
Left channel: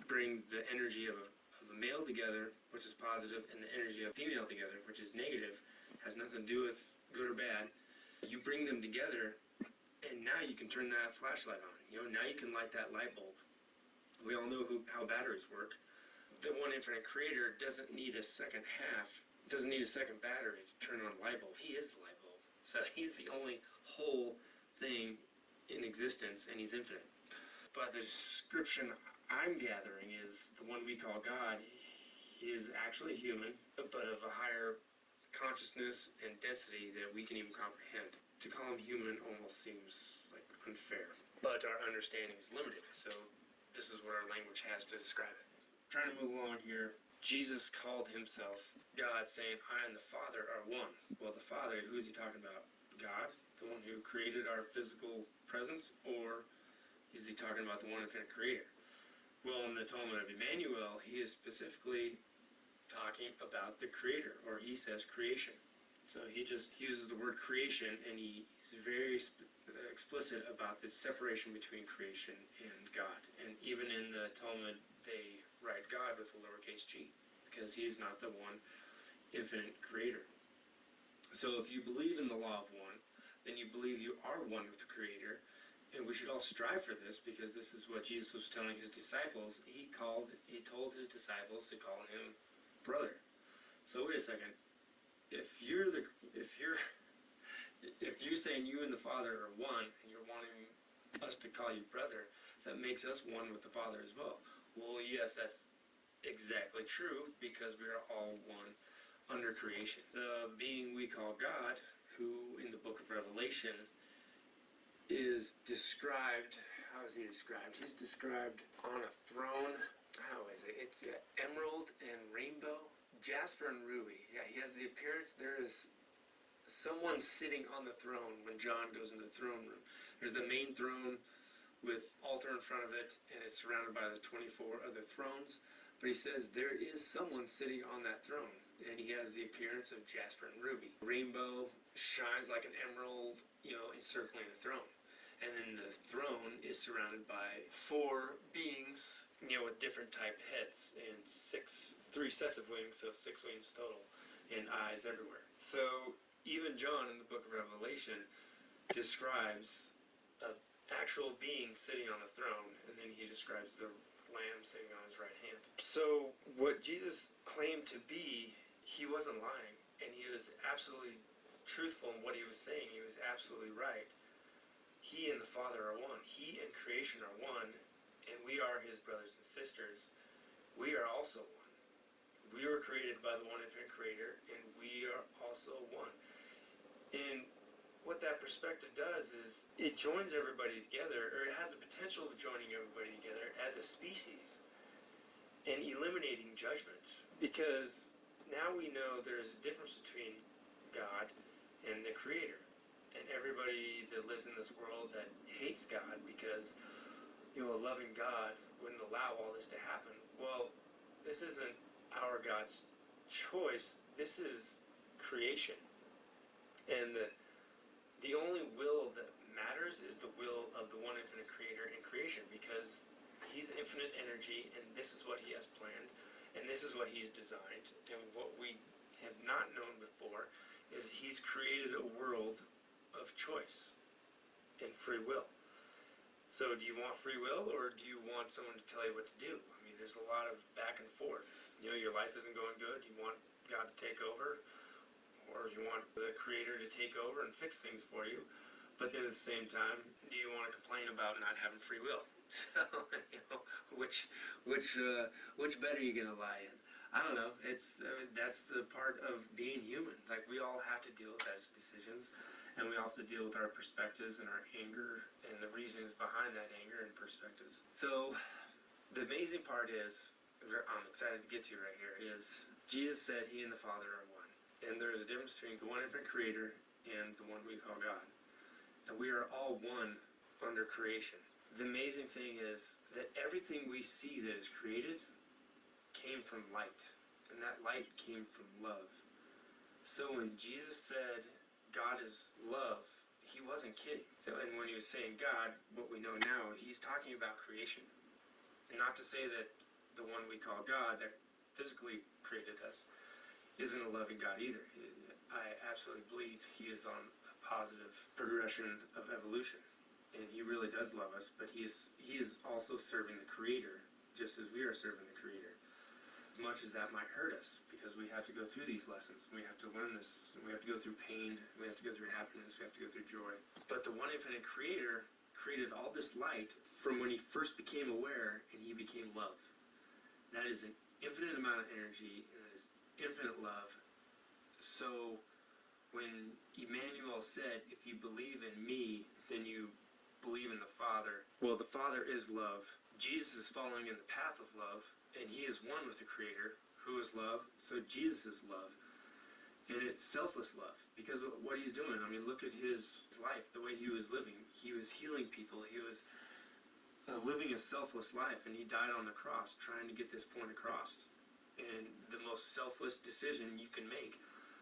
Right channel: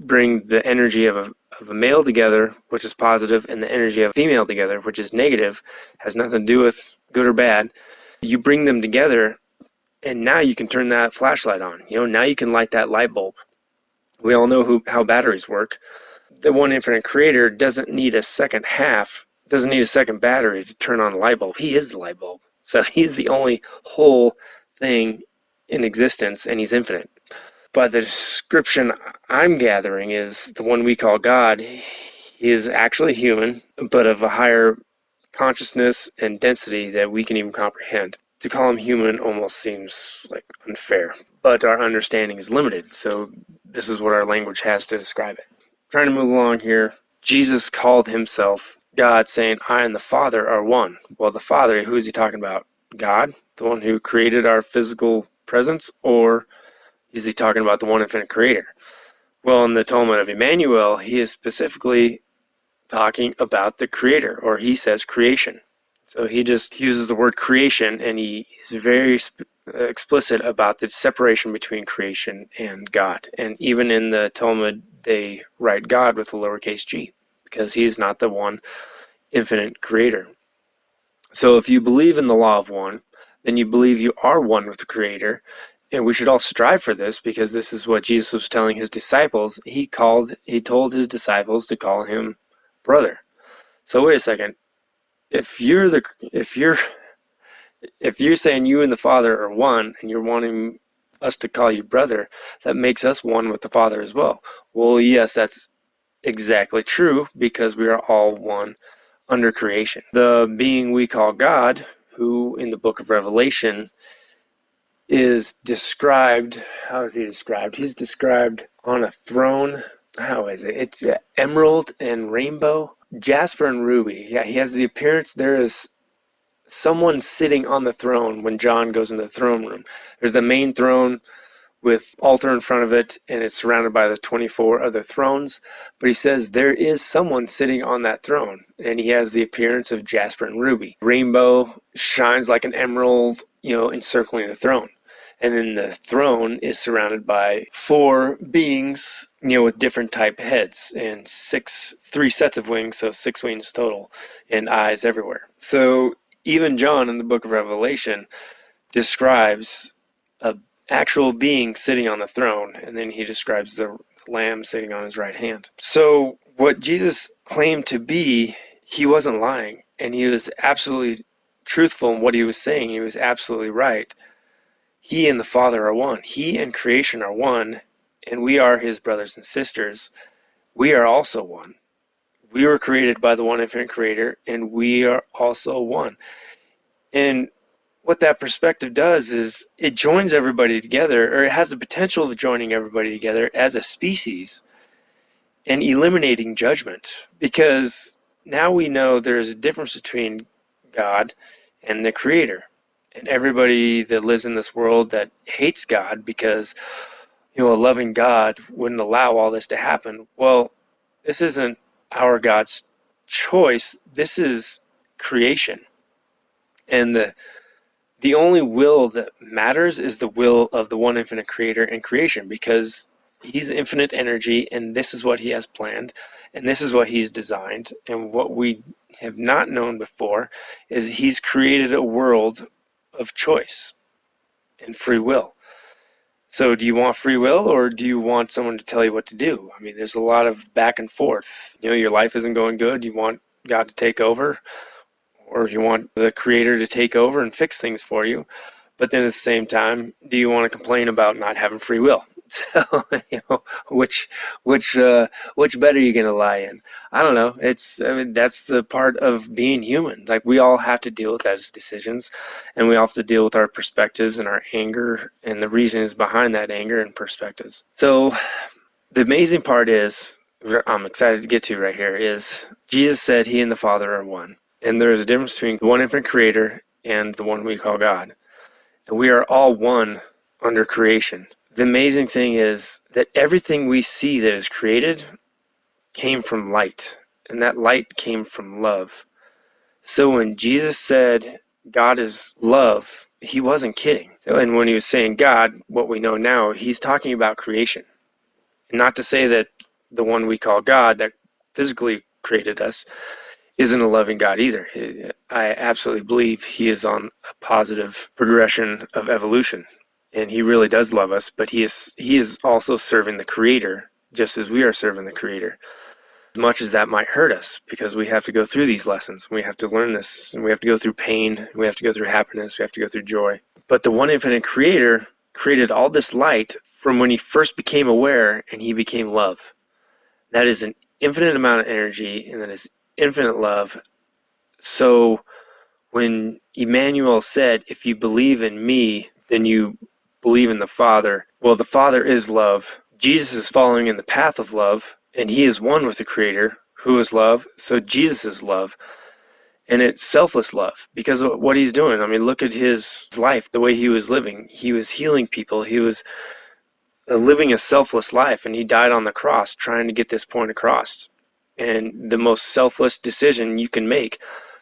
bring the energy of a male together, which is positive, and the energy of a female together, which is negative, has nothing to do with good or bad. You bring them together, and now you can turn that flashlight on. Now you can light that light bulb. We all know how batteries work. The one infinite creator doesn't need a second battery to turn on a light bulb. He is the light bulb. So he's the only whole thing in existence, and he's infinite. But the description I'm gathering is the one we call God. He is actually human, but of a higher consciousness and density that we can even comprehend. To call him human almost seems like unfair, but our understanding is limited, so this is what our language has to describe it. Trying to move along here, Jesus called himself God, saying, I and the Father are one. Well, the Father, who is he talking about? God, the one who created our physical presence, or is he talking about the one infinite creator? Well, in the Talmud of Jmmanuel, he is specifically talking about the creator, or he says creation. So he just uses the word creation, and he's very explicit about the separation between creation and God. And even in the Talmud, they write God with a lowercase g, because he's not the one infinite creator. So if you believe in the law of one, then you believe you are one with the creator, and we should all strive for this, because this is what Jesus was telling his disciples. He told his disciples to call him brother. So wait a second. If you're saying you and the Father are one, and you're wanting us to call you brother, that makes us one with the Father as well. Well, yes, that's exactly true, because we are all one under creation. The being we call God, who in the book of Revelation is described, how is he described? He's described on a throne. How is it? It's emerald and rainbow, jasper and ruby. Yeah, he has the appearance. There is someone sitting on the throne when John goes into the throne room. There's the main throne with altar in front of it, and it's surrounded by the 24 other thrones. But he says there is someone sitting on that throne, and he has the appearance of jasper and ruby. Rainbow shines like an emerald, encircling the throne. And then the throne is surrounded by 4 beings, with different type heads, and 3 sets of wings, so 6 wings total, and eyes everywhere. So even John in the book of Revelation describes an actual being sitting on the throne, and then he describes the Lamb sitting on his right hand. So what Jesus claimed to be, he wasn't lying, and he was absolutely truthful in what he was saying. He was absolutely right. He and the Father are one. He and creation are one, and we are his brothers and sisters. We are also one. We were created by the one infinite creator, and we are also one. And what that perspective does is it joins everybody together, or it has the potential of joining everybody together as a species and eliminating judgment. Because now we know there's a difference between God and the creator. And everybody that lives in this world that hates God because, a loving God wouldn't allow all this to happen. Well, this isn't our God's choice. This is creation. And the only will that matters is the will of the one infinite creator and creation, because he's infinite energy, and this is what he has planned, and this is what he's designed. And what we have not known before is he's created a world of choice and free will. So do you want free will, or do you want someone to tell you what to do? I mean, there's a lot of back and forth. Your life isn't going good. You want God to take over, or you want the creator to take over and fix things for you. But then at the same time, do you want to complain about not having free will? So, which bet are you going to lie in? I don't know. That's the part of being human. Like, we all have to deal with those decisions, and we all have to deal with our perspectives and our anger and the reasons behind that anger and perspectives. So the amazing part is, I'm excited to get to right here, is Jesus said he and the Father are one. And there is a difference between the one infinite creator and the one we call God. And we are all one under creation. The amazing thing is that everything we see that is created came from light, and that light came from love. So when Jesus said God is love, he wasn't kidding. And when he was saying God, what we know now, he's talking about creation. And not to say that the one we call God that physically created us isn't a loving God either. I absolutely believe he is on a positive progression of evolution, and he really does love us, but he is also serving the creator just as we are serving the creator. As much as that might hurt us, because we have to go through these lessons, we have to learn this, and we have to go through pain, we have to go through happiness, we have to go through joy. But the one infinite creator created all this light from when he first became aware, and he became love. That is an infinite amount of energy, and that is infinite love. So when Emmanuel said, if you believe in me, then you believe in the Father. Well, the Father is love. Jesus is following in the path of love, and he is one with the Creator, who is love. So Jesus is love. And it's selfless love because of what he's doing. I mean, look at his life, the way he was living. He was healing people. He was living a selfless life, and he died on the cross trying to get this point across. And the most selfless decision you can make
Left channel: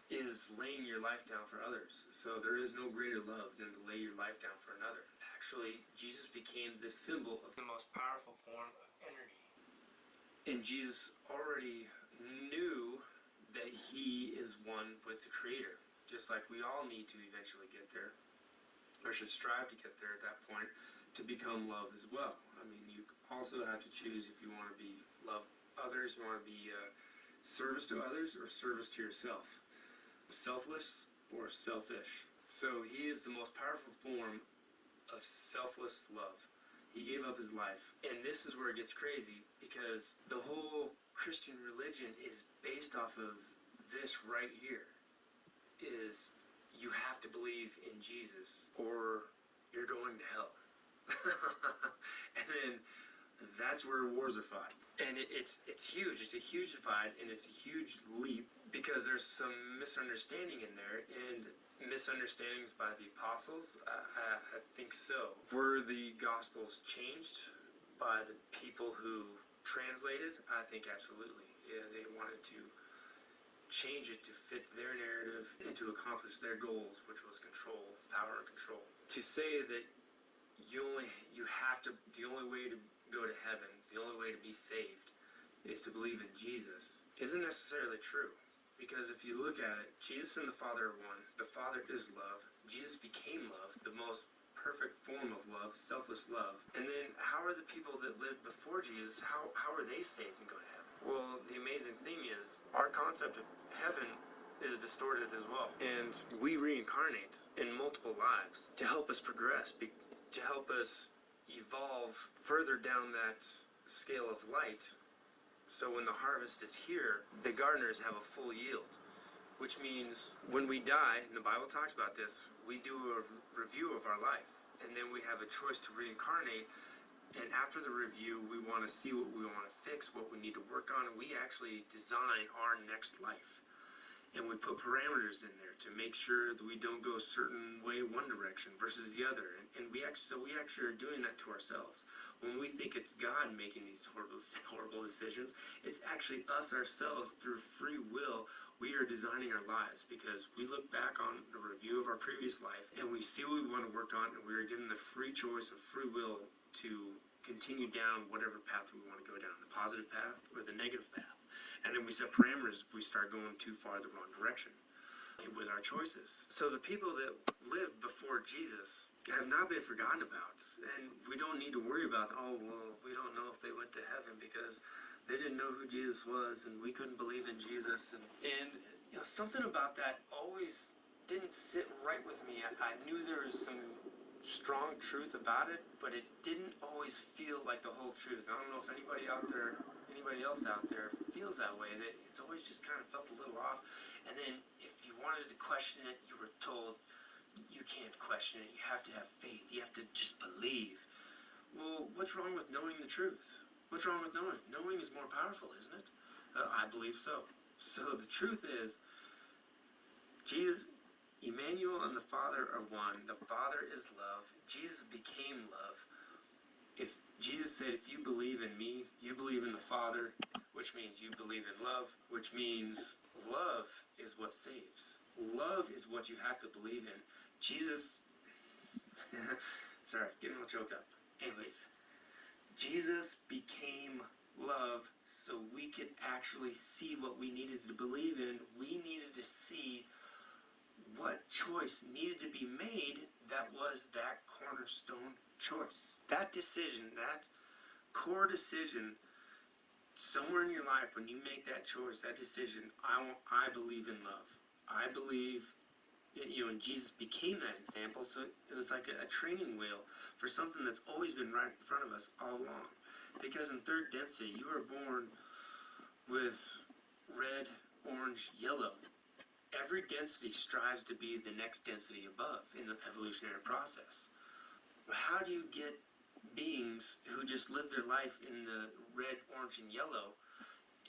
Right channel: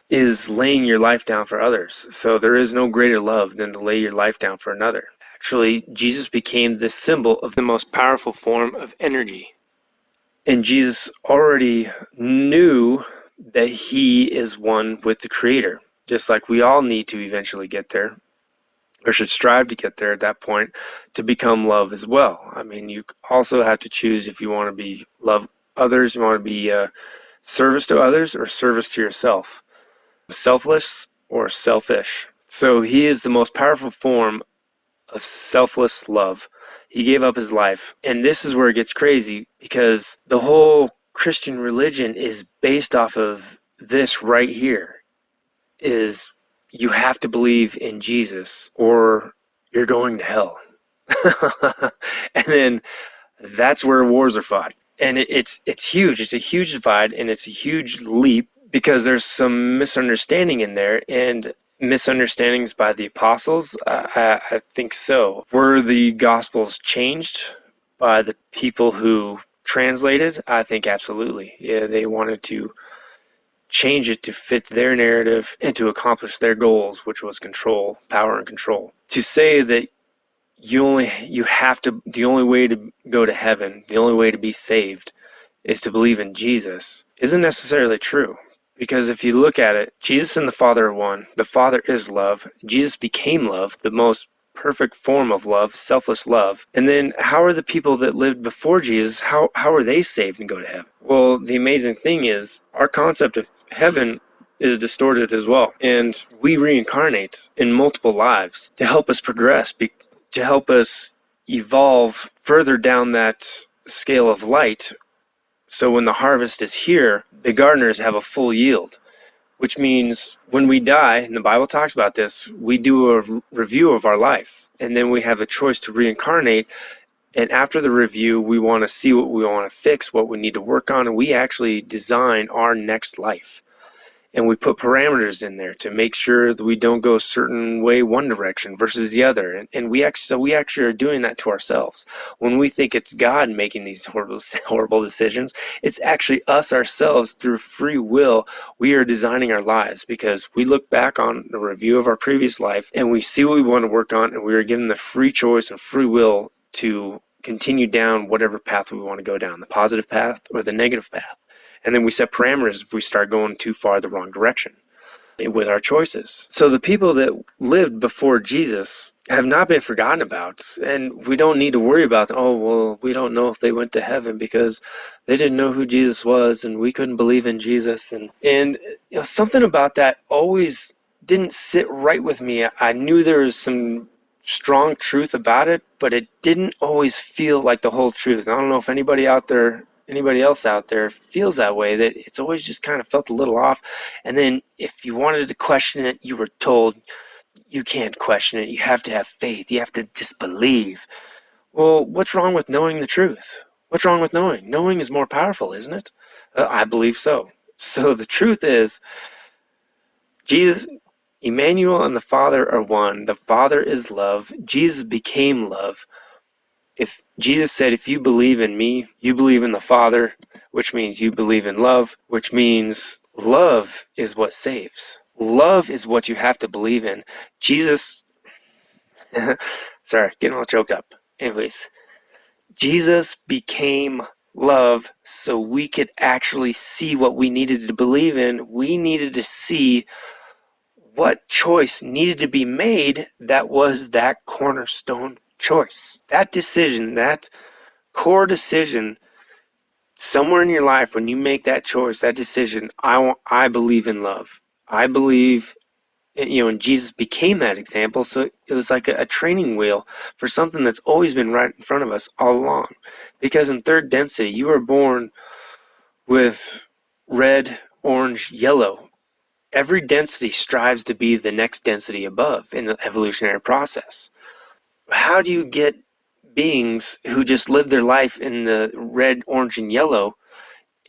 is laying your life down for others. So there is no greater love than to lay your life down for another. Actually, Jesus became the symbol of the most powerful form of energy. And Jesus already knew that he is one with the Creator, just like we all need to eventually get there, or should strive to get there at that point, to become love as well. I mean, you also have to choose if you want to be love others, you want to be service to others, or service to yourself, selfless or selfish. So he is the most powerful form of selfless love. He gave up his life. And this is where it gets crazy, because the whole Christian religion is based off of this right here, is you have to believe in Jesus or you're going to hell. And then that's where wars are fought. And it's huge. It's a huge divide, and it's a huge leap, because there's some misunderstanding in there, and misunderstandings by the apostles. I think so. Were the Gospels changed by the people who translated? I think absolutely. Yeah, they wanted to change it to fit their narrative and to accomplish their goals, which was control, power and control. To say that the only way to go to heaven, the only way to be saved is to believe in Jesus isn't necessarily true. Because if you look at it, Jesus and the Father are one. The Father is love. Jesus became love, the most perfect form of love, selfless love. And then how are the people that lived before Jesus, how are they saved and go to heaven? Well, the amazing thing is our concept of heaven is distorted as well. And we reincarnate in multiple lives to help us progress, to help us evolve further down that scale of light. So when the harvest is here, the gardeners have a full yield, which means when we die, and the Bible talks about this, we do a review of our life, and then we have a choice to reincarnate. And after the review, we want to see what we want to fix, what we need to work on, and we actually design our next life. And we put parameters in there to make sure that we don't go a certain way one direction versus the other. And we actually are doing that to ourselves. When we think it's God making these horrible decisions, it's actually us ourselves through free will. We are designing our lives because we look back on the review of our previous life and we see what we want to work on, and we are given the free choice and free will to continue down whatever path we want to go down, the positive path or the negative path. And then we set parameters if we start going too far the wrong direction with our choices. So the people that lived before Jesus have not been forgotten about, and we don't need to worry about, oh, well, we don't know if they went to heaven because they didn't know who Jesus was and we couldn't believe in Jesus. And you know, something about that always didn't sit right with me. I knew there was some strong truth about it, but it didn't always feel like the whole truth. I don't know if anybody else out there feels that way, that it's always just kind of felt a little off. And then if you wanted to question it, you were told you can't question it, you have to have faith, you have to just believe. Well, what's wrong with knowing the truth? What's wrong with knowing is more powerful, isn't it? I believe so. So the truth is, Jesus, Emmanuel, and the Father are one. The Father is love. Jesus became love. If Jesus said, if you believe in me, you believe in the Father, which means you believe in love, which means love is what saves. Love is what you have to believe in. Jesus, sorry, getting all choked up. Anyways, Jesus became love so we could actually see what we needed to believe in. We needed to see what choice needed to be made that was that cornerstone choice. That decision, that core decision, somewhere in your life when you make that choice, that decision, I believe in love. I believe, and Jesus became that example. So it was like a training wheel for something that's always been right in front of us all along. Because in third density, you are born with red, orange, yellow. Every density strives to be the next density above in the evolutionary process. How do you get beings who just live their life in the red, orange, and yellow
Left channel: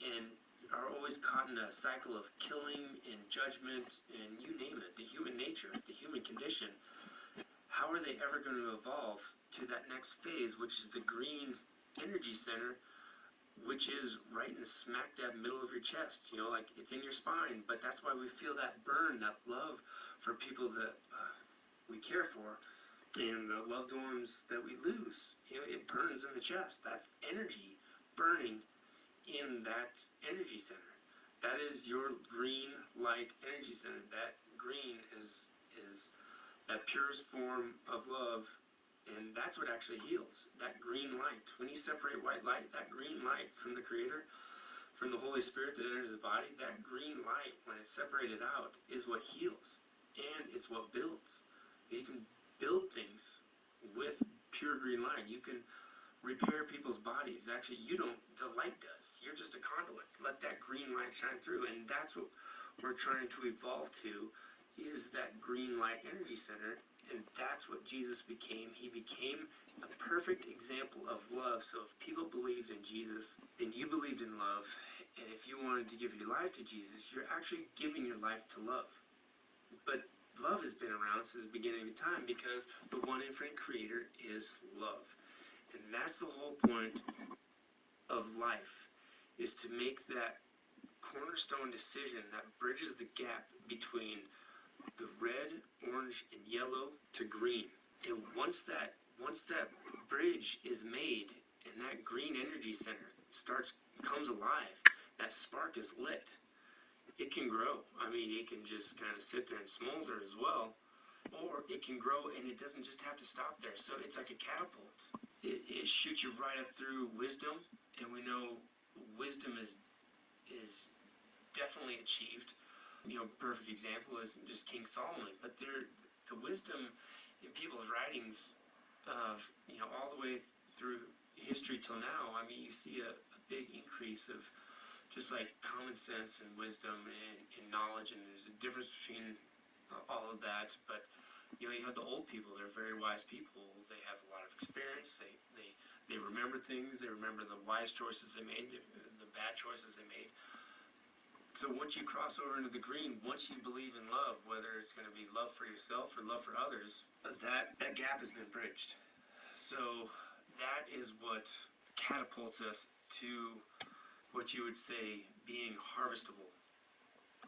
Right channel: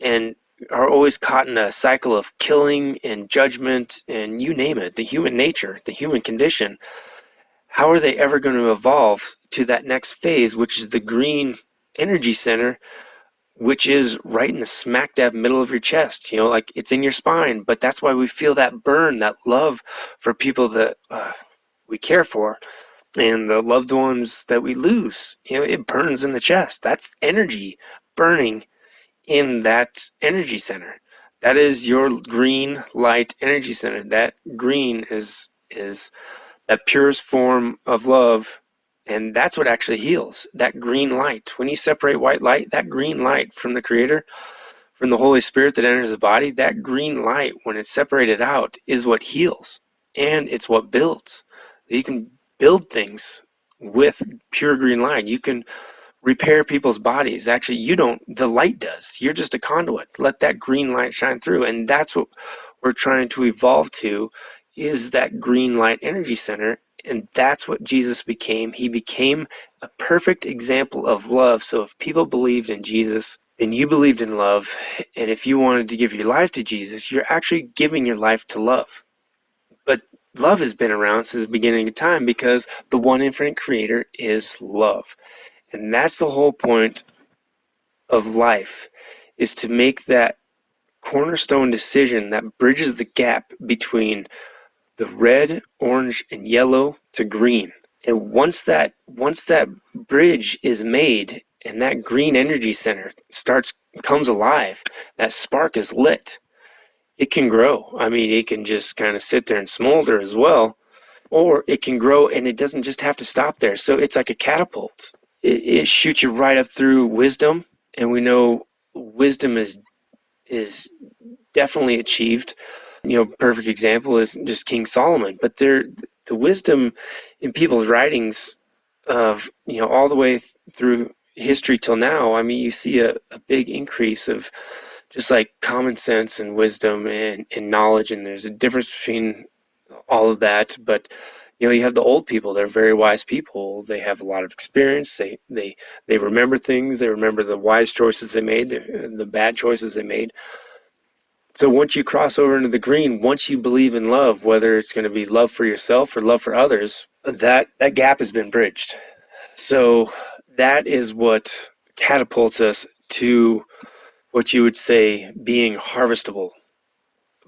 and are always caught in a cycle of killing and judgment and you name it, the human nature, the human condition? How are they ever going to evolve to that next phase, which is the green energy center, which is right in the smack dab middle of your chest, like it's in your spine? But that's why we feel that burn, that love for people that we care for and the loved ones that we lose. It burns in the chest. That's energy burning in that energy center. That is your green light energy center. That green is that purest form of love. And that's what actually heals, that green light. When you separate white light, that green light from the Creator, from the Holy Spirit that enters the body, that green light, when it's separated out, is what heals. And it's what builds. You can build things with pure green light. You can repair people's bodies. Actually, you don't, the light does. You're just a conduit. Let that green light shine through. And that's what we're trying to evolve to, is that green light energy center. And that's what Jesus became. He became a perfect example of love. So if people believed in Jesus, then you believed in love. And if you wanted to give your life to Jesus, you're actually giving your life to love. But love has been around since the beginning of time because the one infinite Creator is love. And that's the whole point of life, is to make that cornerstone decision that bridges the gap between the red, orange, and yellow to green. And once that bridge is made and that green energy center comes alive, that spark is lit, it can grow. I mean, it can just kind of sit there and smolder as well, or it can grow and it doesn't just have to stop there. So it's like a catapult. It shoots you right up through wisdom, and we know wisdom is definitely achieved. Perfect example is just King Solomon. But the wisdom in people's writings of, all the way through history till now, I mean, you see a big increase of just like common sense and wisdom and knowledge, and there's a difference between all of that. But you have the old people. They're very wise people. They have a lot of experience. They remember things. They remember the wise choices they made, the bad choices they made. So once you cross over into the green, once you believe in love, whether it's going to be love for yourself or love for others, that gap has been bridged. So that is what catapults us to what you would say being harvestable.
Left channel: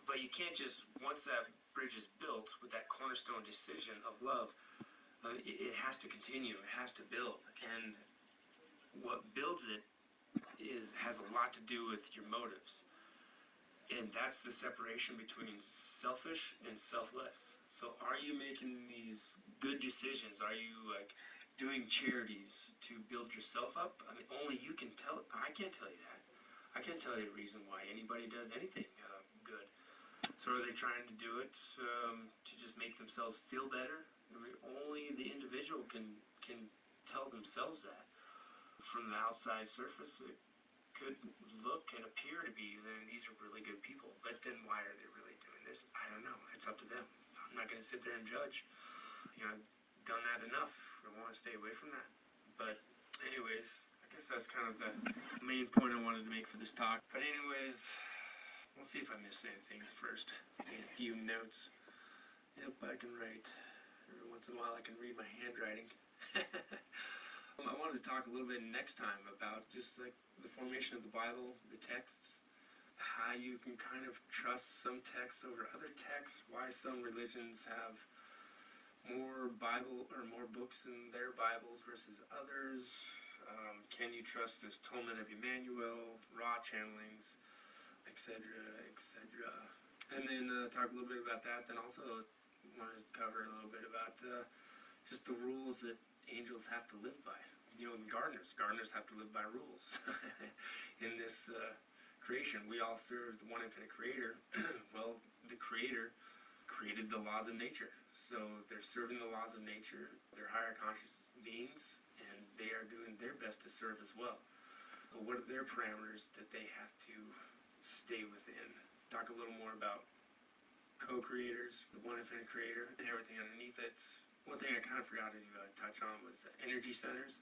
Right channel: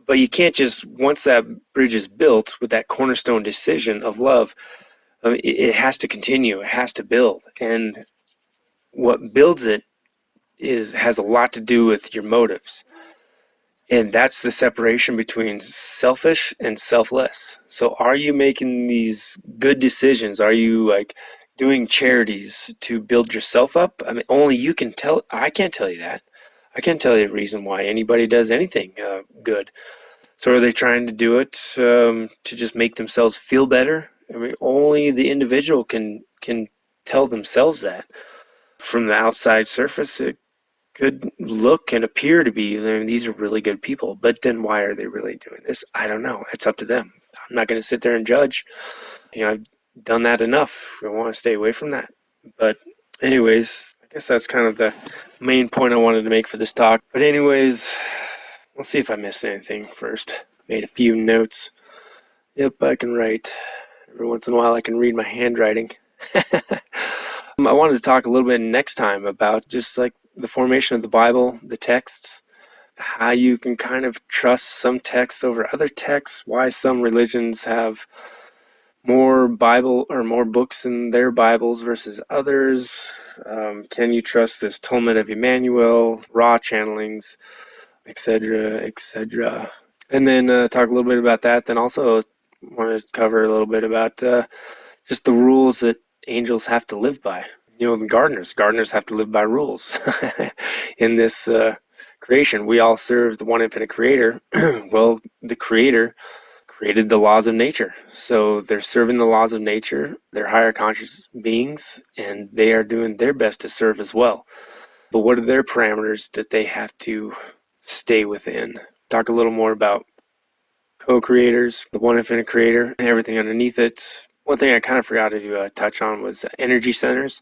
But you can't just, once that bridge is built with that cornerstone decision of love, it has to continue. It has to build. And what builds it has a lot to do with your motives. And that's the separation between selfish and selfless. So are you making these good decisions? Are you like doing charities to build yourself up? I mean, only you can tell. I can't tell you that. I can't tell you the reason why anybody does anything good. So are they trying to do it to just make themselves feel better? I mean, only the individual can tell themselves that. From the outside surface, it could look and appear to be, I mean, these are really good people, but then why are they really doing this? I don't know. It's up to them. I'm not going to sit there and judge. I've done that enough. I want to stay away from that. But anyways, I guess that's kind of the main point I wanted to make for this talk. But anyways, we'll see if I missed anything first. Made a few notes. Yep, I can write. Every once in a while I can read my handwriting. I wanted to talk a little bit next time about just like the formation of the Bible, the texts, how you can kind of trust some texts over other texts, why some religions have more Bible or more books in their Bibles versus others. Can you trust this Talmud of Jmmanuel, raw channelings, etc., etc. And then talk a little bit about that. Then also want to cover a little bit about just the rules that angels have to live by. The gardeners have to live by rules in this creation. We all serve the one infinite creator. Well, the creator created the laws of nature. So they're serving the laws of nature. They're higher conscious beings, and they are doing their best to serve as well. But what are their parameters that they have to stay within? Talk a little more about co-creators, the one infinite creator, and everything underneath it. One thing I kind of forgot to touch on was energy centers.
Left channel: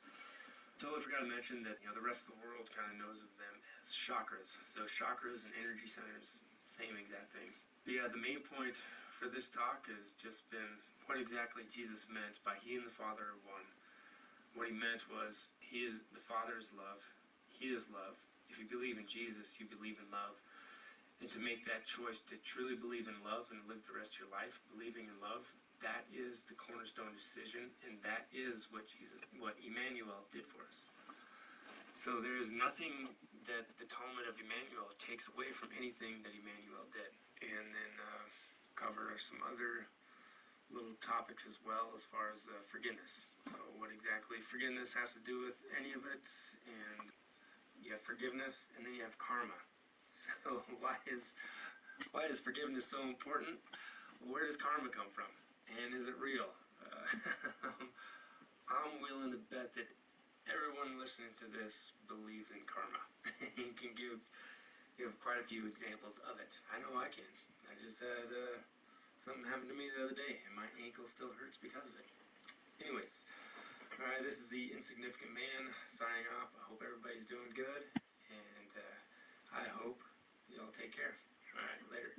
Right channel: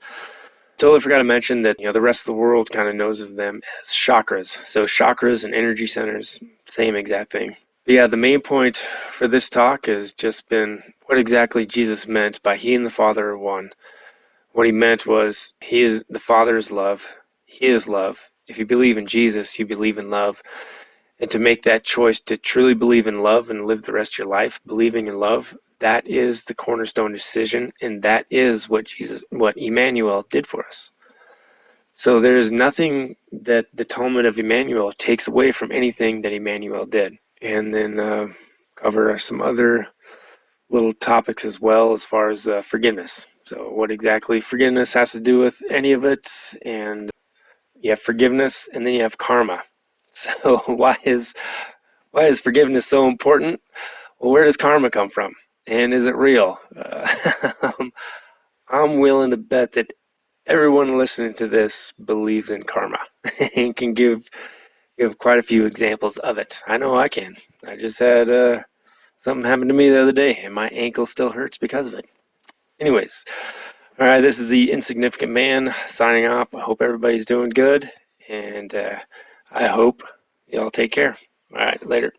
Totally forgot to mention that the rest of the world kind of knows of them as chakras. So chakras and energy centers, same exact thing. But yeah, the main point for this talk has just been what exactly Jesus meant by He and the Father are one. What He meant was the Father is love. He is love. If you believe in Jesus, you believe in love. And to make that choice to truly believe in love and live the rest of your life believing in love, that is the cornerstone decision, and that is what Emmanuel did for us. So there is nothing that the Talmud of Jmmanuel takes away from anything that Emmanuel did. And then cover some other little topics as well as far as forgiveness. So what exactly forgiveness has to do with any of it, and you have forgiveness and then you have karma. So why is forgiveness so important? Well, where does karma come from? And is it real? I'm willing to bet that everyone listening to this believes in karma and can give quite a few examples of it. I know I can. I just had something happen to me the other day, and my ankle still hurts because of it. Anyways, all right, this is the Insignificant Man signing off. I hope everybody's doing good, and I hope y'all take care. All right, later.